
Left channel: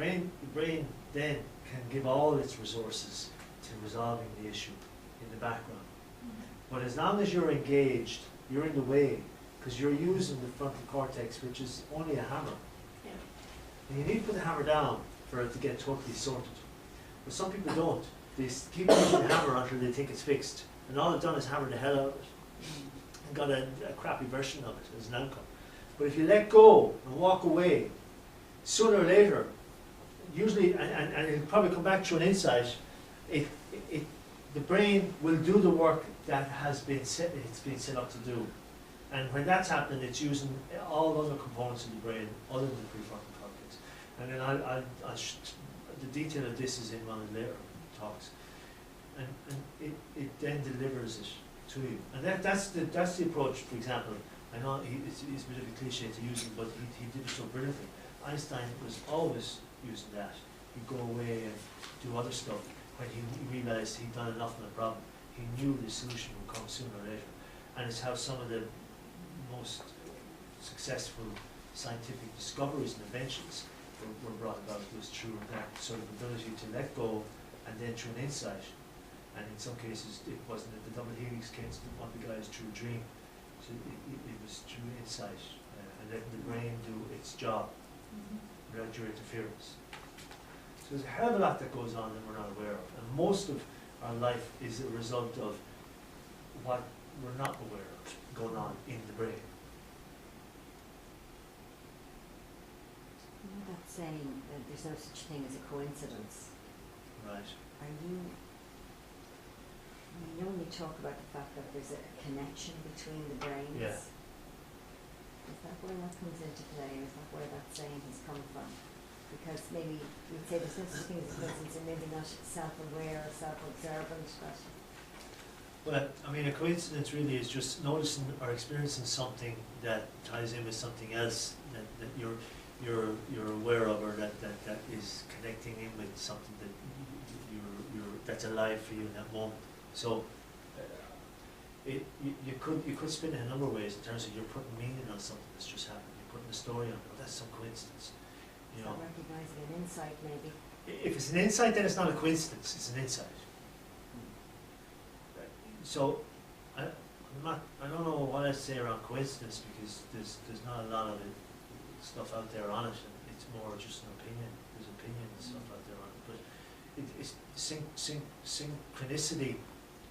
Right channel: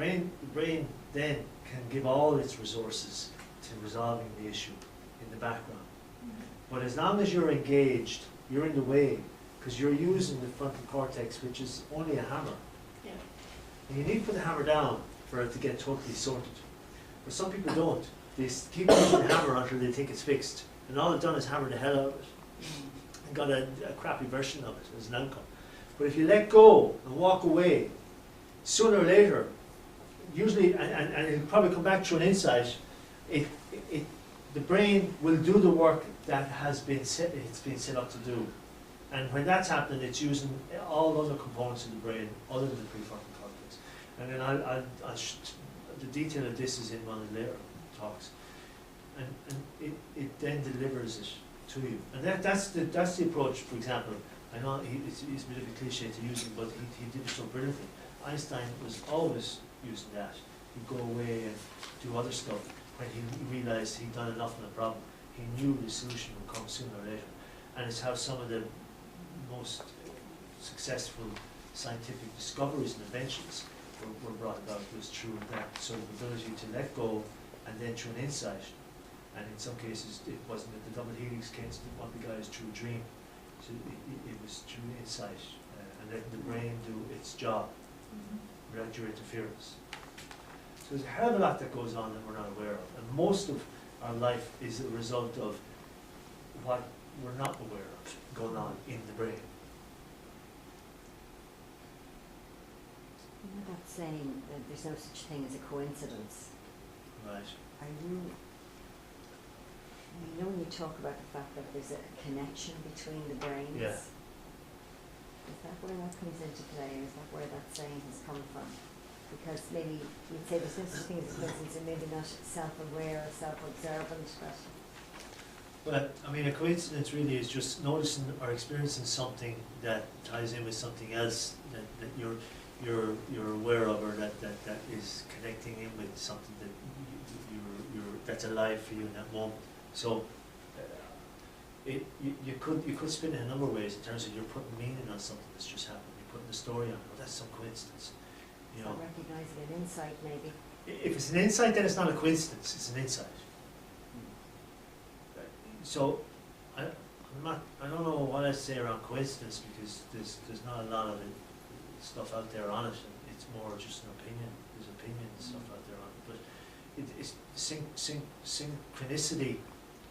brain then can give all its resources to resolving the issue in the background. But as long as you're engaged, you're in the way, because you're using the frontal cortex, which is only a hammer. Yeah. And you need to put the hammer down for it to get totally sorted. But some people don't. They keep using the hammer until they think it's fixed. And all they've done is hammer the hell out of it. And got a crappy version of it as an outcome. But if you let go and walk away, sooner or later, usually, and it'll probably come back to an insight, the brain will do the work that it's been set up to do. And when that's happening, it's using all other components of the brain other than the prefrontal cortex. And then the detail of this is in one of the later talks. And it then delivers it to you. And that's the approach, for example. I know it's a bit of a cliche to use it, but he did it so brilliantly. Einstein was always using that. He'd go away and do other stuff. When he realised he'd done enough on the problem, he knew the solution would come sooner or later. And it's how some of the most successful scientific discoveries and inventions were brought about, was through that sort of ability to let go and then through an insight. And in some cases, it wasn't the double helix case, one of the guys through a dream. So it was through insight and letting the brain do its job without your interference. So there's a hell of a lot that goes on that we're not aware of. And most of our life is a result of what we're not aware of going on in the brain. You know that saying that there's no such thing as a coincidence. Right. You know when you talk about the fact that there's a connection between the brains? Yeah. Is that where that comes into play, or is that where that saying has come from? Because maybe you'd say there's no such thing as a coincidence, and maybe not self-aware or self-observant, but... Well, I mean, a coincidence really is just noticing or experiencing something that ties in with something else that you're aware of, or that is connecting in with something that that's alive for you in that moment. So you could spin it a number of ways in terms of you're putting meaning on something that's just happened. You're putting a story on it. Oh, that's some coincidence. You know, recognizing an insight, maybe. If it's an insight, then it's not a coincidence. It's an insight. So I'm I don't know what I'd say around coincidence, because there's not a lot of stuff out there on it, and it's more just an opinion. There's opinion and stuff out there on it, but it's synchronicity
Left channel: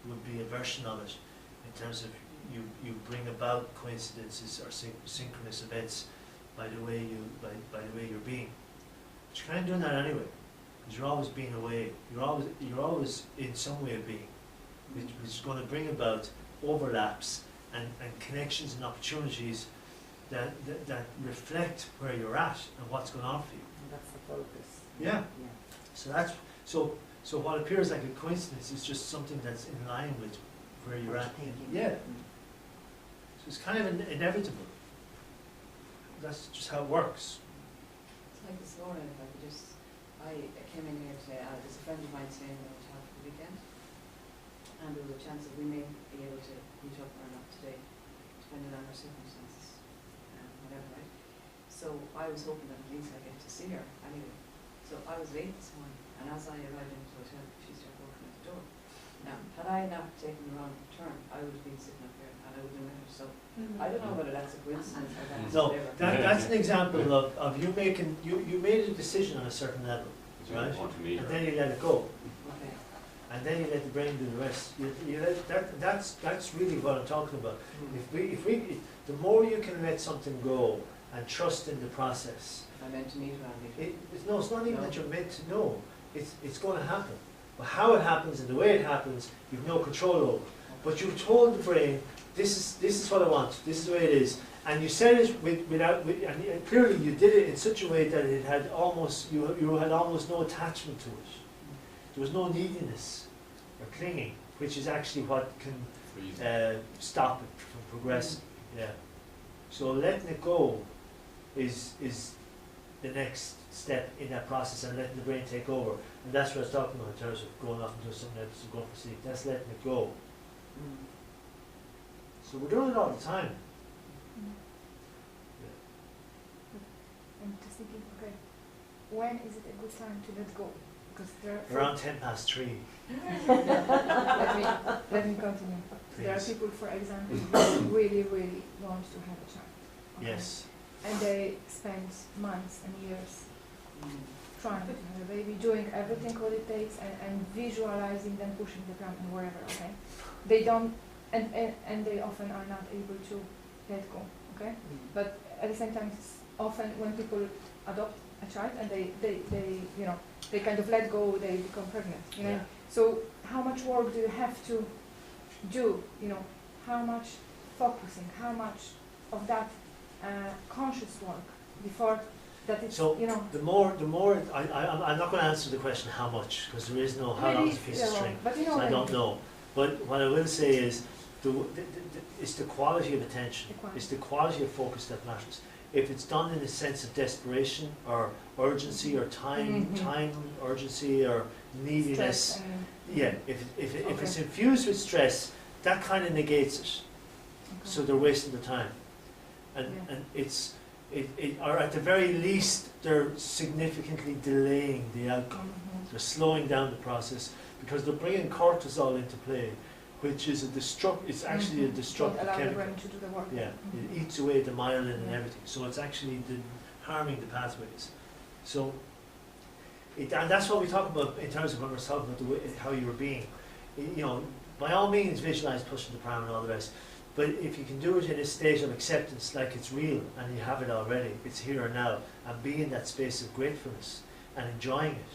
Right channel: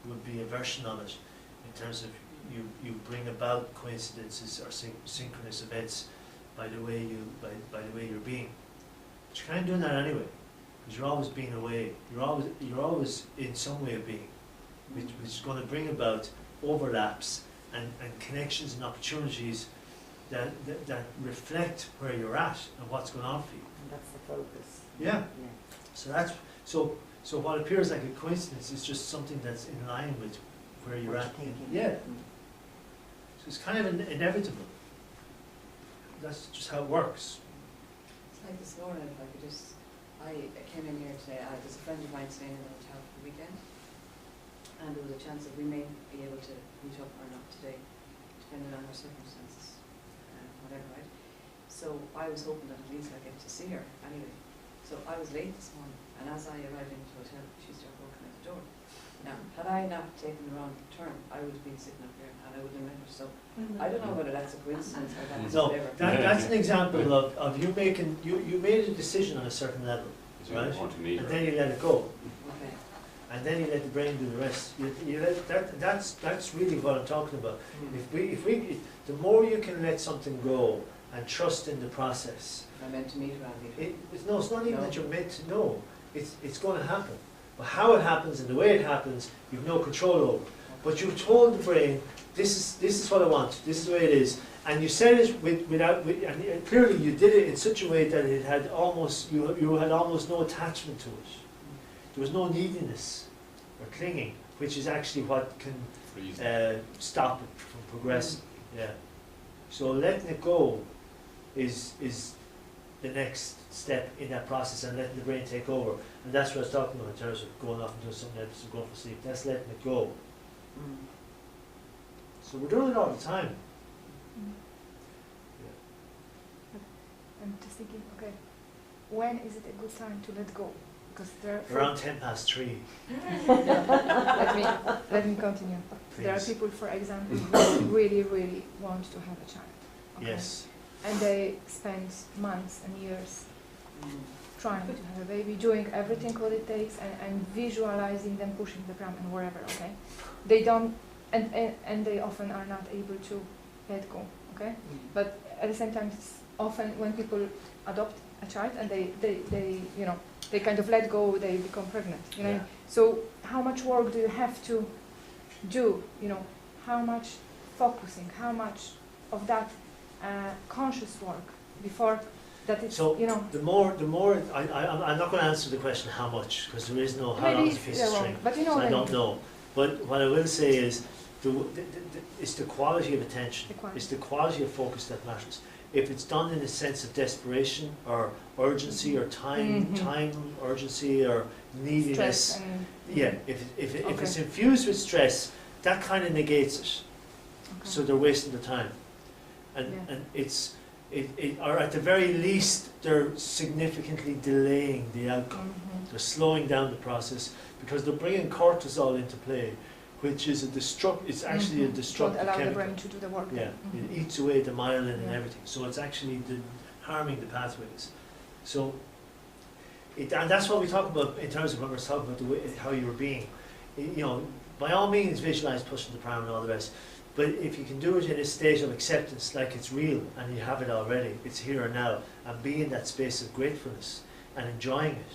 would be a version of it, in terms of you bring about coincidences or synchronous events by the way you're being. But you're kind of doing that anyway, because you're always being away. You're always in some way of being, which is going to bring about overlaps and connections and opportunities that reflect where you're at and what's going on for you. And that's the focus. Yeah. Yeah. So what appears like a coincidence is just something that's in line with where you're What at. you're thinking. Yeah. Mm. So it's kind of inevitable. That's just how it works. It's like this morning, if I could just, I came in here today, there's a friend of mine staying in the hotel for the weekend, and there was a chance that we may be able to meet up or not today, depending on our circumstances, whatever, right? So I was hoping that at least I get to see her anyway. So I was late this morning, and as I arrived into the hotel, she started walking out the door. Now, had I not taken the wrong turn, I would have been sitting up here and I would have met her. So I don't know whether that's a coincidence or that's No, whatever. that's an example of you making, you made a decision on a certain level, right? And then you let it go. Okay. And then you let the brain do the rest. You let that's really what I'm talking about. If the more you can let something go and trust in the process. If I meant to meet her, I'll meet her. It's not even No. that you're meant to know. It's going to happen. But how it happens and the way it happens, you've no control over. But you've told the brain, this is what I want. This is the way it is. And you said it and clearly you did it in such a way that it had almost you had almost no attachment to it. There was no neediness or clinging, which is actually what can stop it from progressing. Yeah. So letting it go is the next step in that process, and letting the brain take over. And that's what I was talking about in terms of going off and doing something else and going for sleep. That's letting it go. So we're doing it all the time. I'm just thinking, okay, when is it a good time to let go? Because there are Around 3:10. let me continue. There are Please. people, for example, who really want to have a child. Okay? Yes. And they spend months and years trying to have a baby, doing everything what it takes, and visualizing them pushing the pram and wherever, okay? They don't, and they often are not able to let go, okay? But at the same time, it's often when people adopt a child and they you know, they kind of let go, they become pregnant, you know? Yeah. So how much work do you have to do, you know? How much focusing, how much of that conscious work before that it's, So you know, the more I'm not going to answer the question how much, because there is no how long is a piece of wrong, string. but you know So what I I don't mean. know. But what I will say is it's the quality of attention, The quality. it's the quality of focus that matters. If it's done in a sense of desperation or urgency or time urgency or neediness, Stress and yeah, if it's Okay. infused with stress, that kind of negates it. okay. So they're wasting their time, and Yeah. and or at the very least they're significantly delaying the outcome. They're slowing down the process because they're bringing cortisol into play, which is it's actually a destructive Don't allow the chemical. brain to do the work. Yeah, Mhm. it eats away the myelin and Yeah. everything. So it's actually harming the pathways. So, and that's what we talk about in terms of when we're talking about the way, how you were being. You know, by all means, visualize pushing the pram and all the rest. But if you can do it in a state of acceptance, like it's real and you have it already, it's here and now, and be in that space of gratefulness and enjoying it,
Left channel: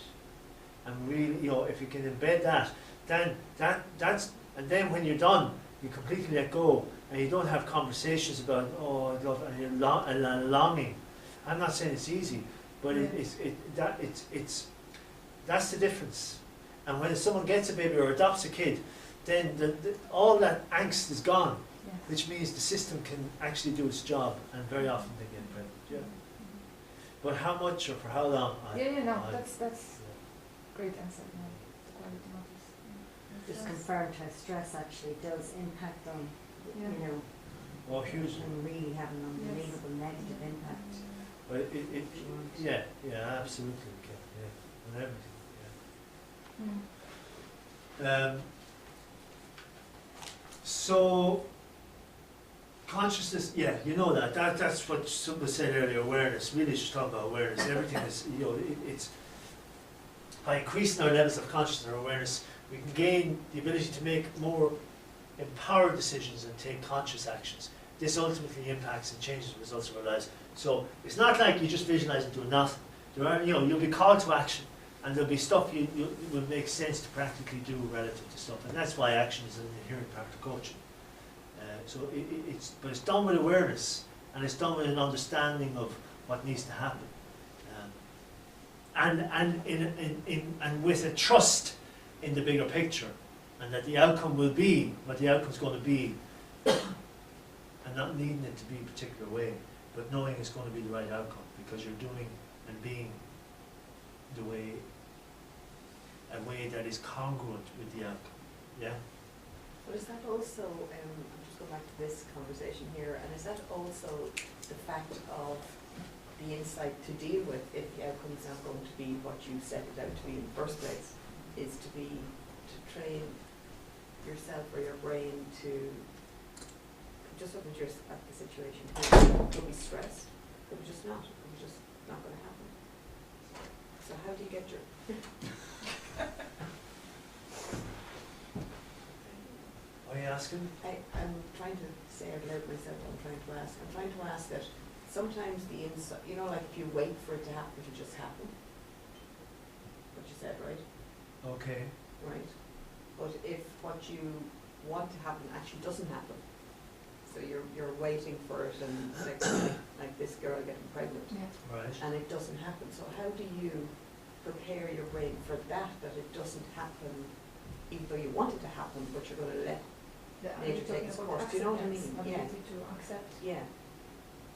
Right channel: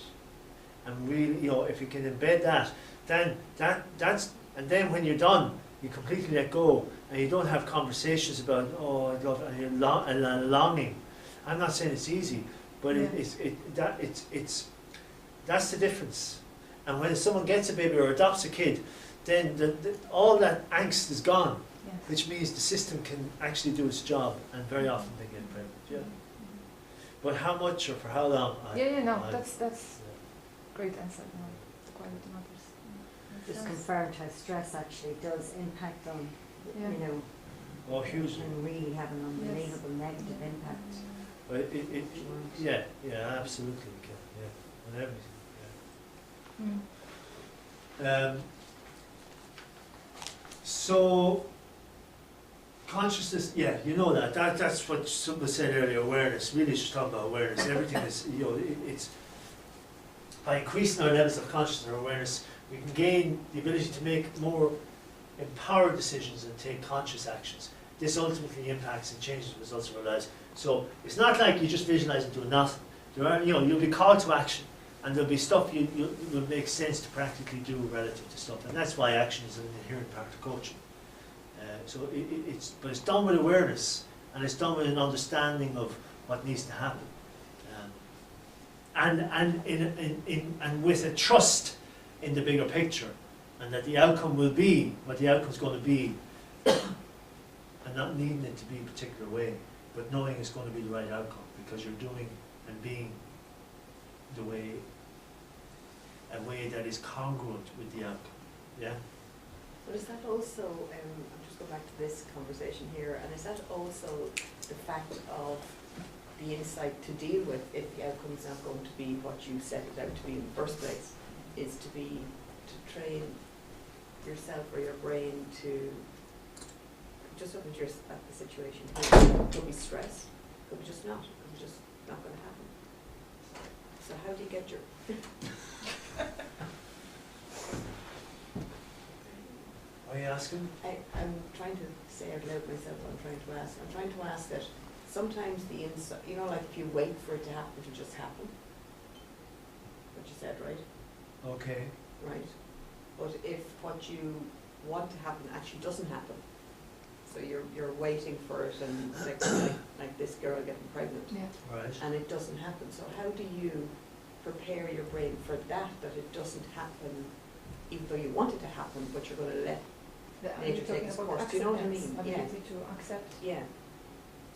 and really, you know, if you can embed that, then and then when you're done, you completely let go, and you don't have conversations about, oh, I love, and you're longing. I'm not saying it's easy, but Yeah. it's that's the difference. And when someone gets a baby or adopts a kid, then all that angst is gone, Yeah. which means the system can actually do its job, and very often they get pregnant. Yeah. But how much or for how long? That's yeah. great answer. You know, the quality matters. Just confirmed how stress actually does impact on, Yeah. you know, Oh, hugely. can really have an unbelievable negative impact. But yeah, absolutely it can. Yeah, on everything. Mm. So Consciousness, yeah, you know that's what someone said earlier, awareness, really just talking about awareness. Everything is, you know, it's, by increasing our levels of consciousness or awareness, we can gain the ability to make more empowered decisions and take conscious actions. This ultimately impacts and changes the results of our lives. So it's not like you just visualize and do nothing. There are, you know, you'll be called to action, and there'll be stuff you will make sense to practically do relative to stuff, and that's why action is an inherent part of coaching. So but it's done with awareness, and it's done with an understanding of what needs to happen, and with a trust in the bigger picture, and that the outcome will be what the outcome's going to be, and not needing it to be a particular way, but knowing it's going to be the right outcome because you're doing and being a way that is congruent with the outcome. Yeah. But is that also, I'm just going back to this conversation here, and is that also the fact of the insight to deal with if the outcome is not going to be what you set it out to be in the first place, is to train yourself or your brain to, just look at the situation here, could be stress, could be just not, could be just not going to happen. So how do you get your... Are you asking? I'm trying to say out loud myself what I'm trying to ask. I'm trying to ask that sometimes the insight, you know, like if you wait for it to happen, it'll just happen. What you said, right? Okay. Right. But if what you want to happen actually doesn't happen, so you're waiting for it, and like this girl getting pregnant, Yeah. Right. and it doesn't happen. So how do you prepare your brain for that it doesn't happen, even though you want it to happen, but you're going to let nature take its course? Do you know what I mean? Ability to accept. Yeah.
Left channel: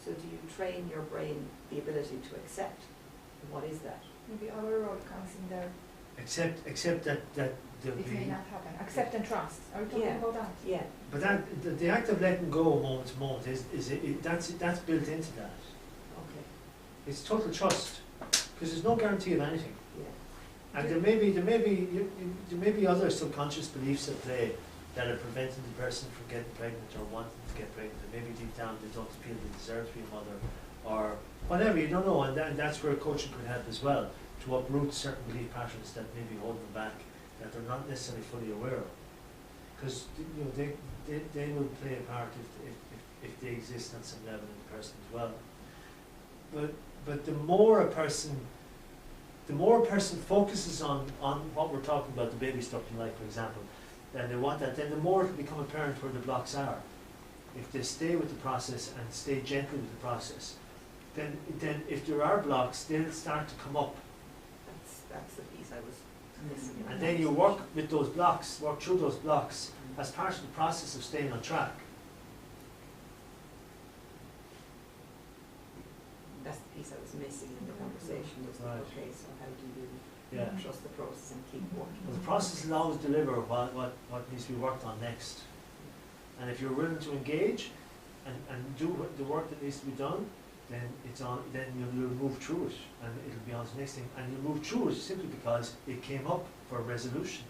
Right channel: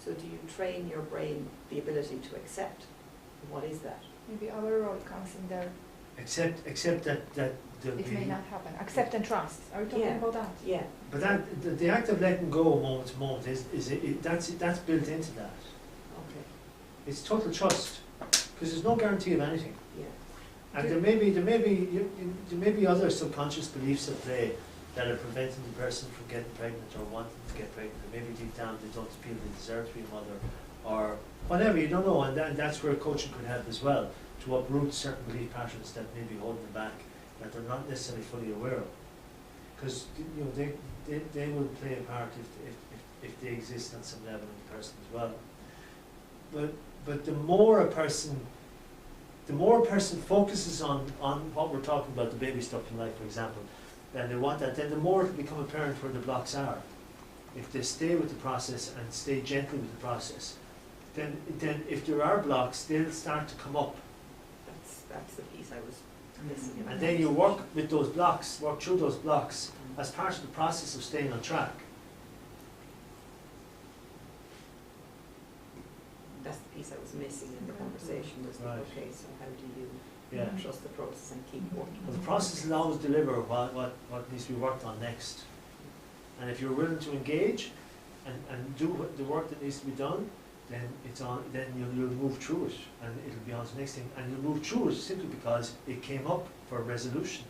So do you train your brain the ability to accept? What is that? Maybe our role comes in there. Accept that there'll It may be. not happen. Accept and trust. Are we talking Yeah. about that? Yeah. But that the act of letting go moment to moment that's built into that. Okay. It's total trust, because there's no guarantee of anything. Yeah. And there may be other subconscious beliefs at play that are preventing the person from getting pregnant or wanting to get pregnant. Or maybe deep down they don't feel they deserve to be a mother, or whatever. You don't know, and that's where coaching could help as well, to uproot certain belief patterns that may be holding them back, that they're not necessarily fully aware of. Because you know they will play a part if they exist on some level in the person as well. But the more a person focuses on what we're talking about, the baby stuff in life, for example, and they want that, then the more it can become apparent where the blocks are. If they stay with the process and stay gentle with the process, then if there are blocks, they'll start to come up. That's the piece I was missing. And then you work with those blocks, work through those blocks as part of the process of staying on track. That's the piece I was missing in the conversation, was Right. okay, so how do you Yeah. trust the process and keep working? Well, the process will always deliver what needs to be worked on next. And if you're willing to engage and do the work that needs to be done, then you'll move through it, and it'll be on to the next thing. And you'll move through it simply because it came up for resolution.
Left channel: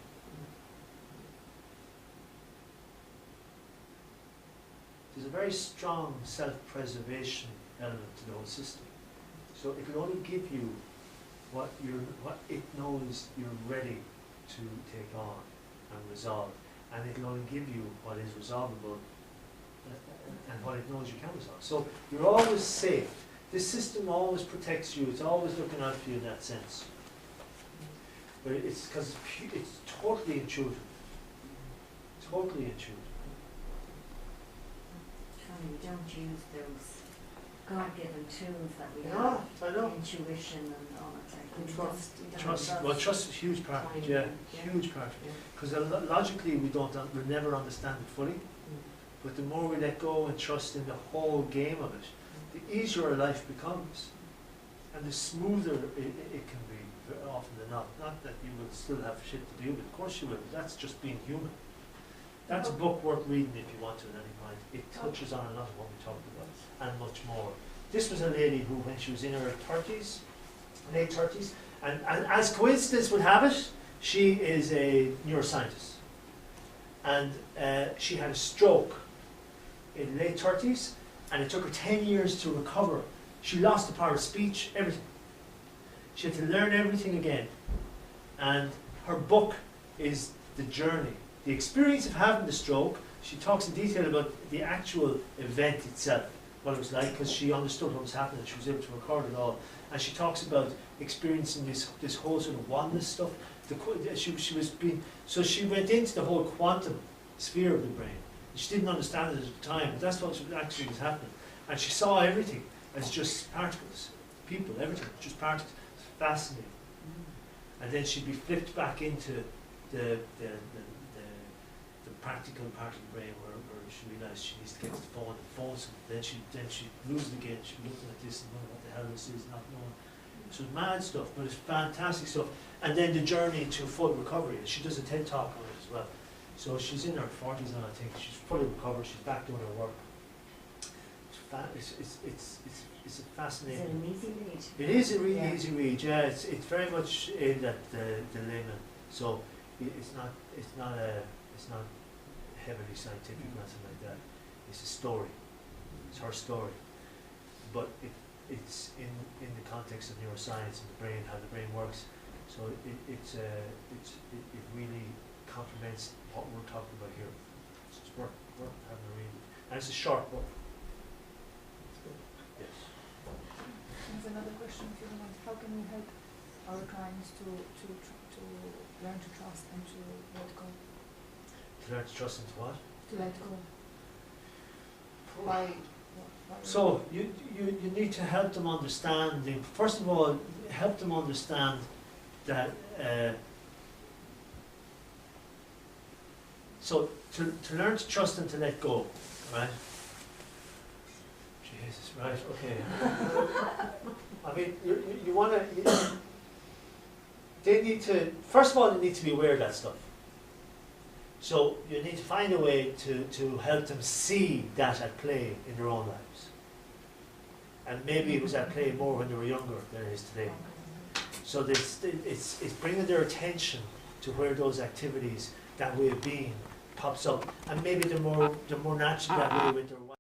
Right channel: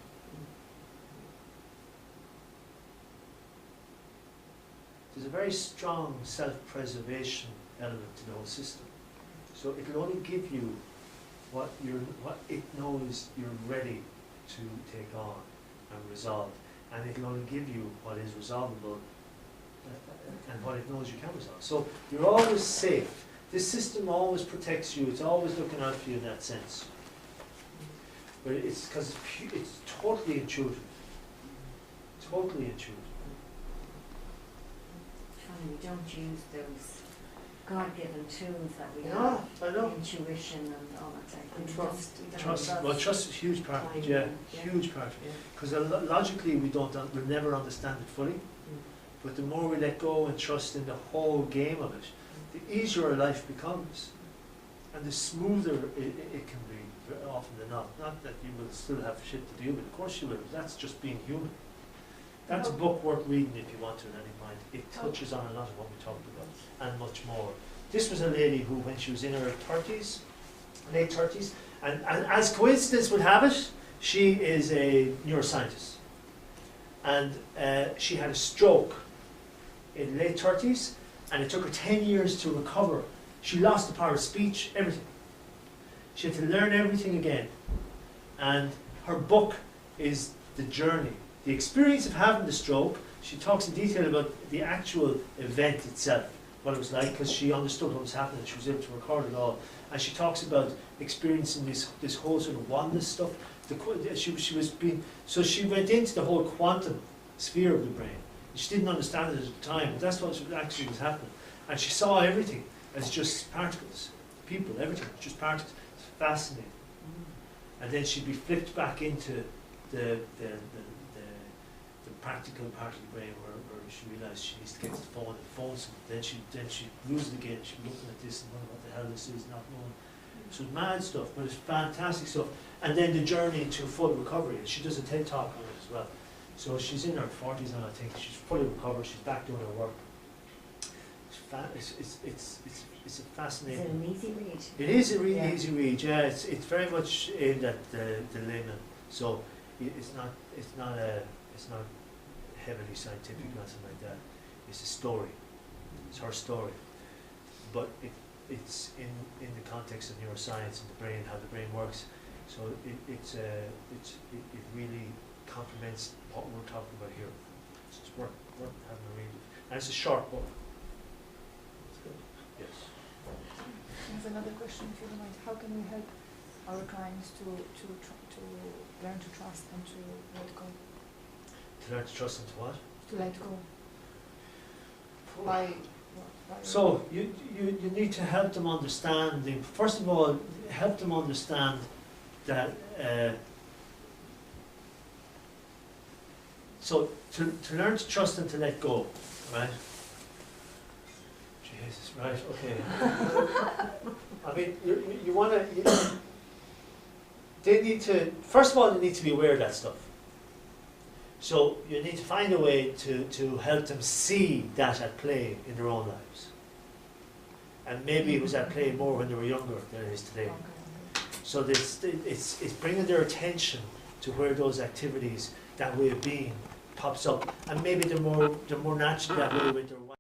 There's a very strong self-preservation element to the whole system. So it'll only give you what it knows you're ready to take on and resolve, and it'll only give you what is resolvable and what it knows you can resolve. So you're always safe. This system always protects you. It's always looking out for you in that sense. But it's because it's totally intuitive. Totally intuitive. Tony, we don't use those God-given tools that we No, have, I know. intuition and all that type of And thing. trust. We don't Trust. Well, trust is a huge part. Timing, Yeah, yeah. huge part. Yeah. Because logically we'll never understand it fully. But the more we let go and trust in the whole game of it, the easier life becomes, and the smoother it can be, very often than not. Not that you will still have shit to deal with, of course you will, but that's just being human. That's a book worth reading if you want to at any point. It touches on a lot of what we talked about, and much more. This was a lady who, when she was in her 30s, late 30s, and as coincidence would have it, she is a neuroscientist. And she had a stroke in late 30s, and it took her 10 years to recover. She lost the power of speech, everything. She had to learn everything again. And her book is the journey, the experience of having the stroke. She talks in detail about the actual event itself, what it was like, because she understood what was happening. She was able to record it all. And she talks about experiencing this whole sort of oneness stuff. So she went into the whole quantum sphere of the brain. She didn't understand it at the time, but that's what actually was happening. And she saw everything as just particles, people, everything, just particles. It's fascinating. And then she'd be flipped back into the practical part of the brain where she realised she needs to get to the phone and phone someone. Then she lose it again. She'd be looking at this and wondering what the hell this is, not knowing. So it's mad stuff, but it's fantastic stuff. And then the journey to full recovery. She does a TED talk on it as well. So she's in her 40s now, I think. She's fully recovered. She's back doing her work. It's a fascinating. Is it an easy read? It is a really easy read. Yeah, it's very much aimed at the layman. So it's not heavily scientific or anything like that. It's a story. It's her story, but it's in the context of neuroscience and the brain, how the brain works. So it really complements what we're talking about here. So it's worth having a read. And it's a short book. It's good. Yes. I have another question, if you don't mind. How can we help our clients to learn to trust and to let go? To learn to trust and to what? To let go. Why? So you need to help them understand. First of all, help them understand that. So to learn to trust and to let go, right? Jesus, right? Okay. I mean, you want to. They need to. First of all, they need to be aware of that stuff. So you need to find a way to help them see that at play in their own lives. And maybe it was at play more when they were younger than it is today. So it's bringing their attention to where those activities, that way of being, pops up. And maybe they're more naturally that way with their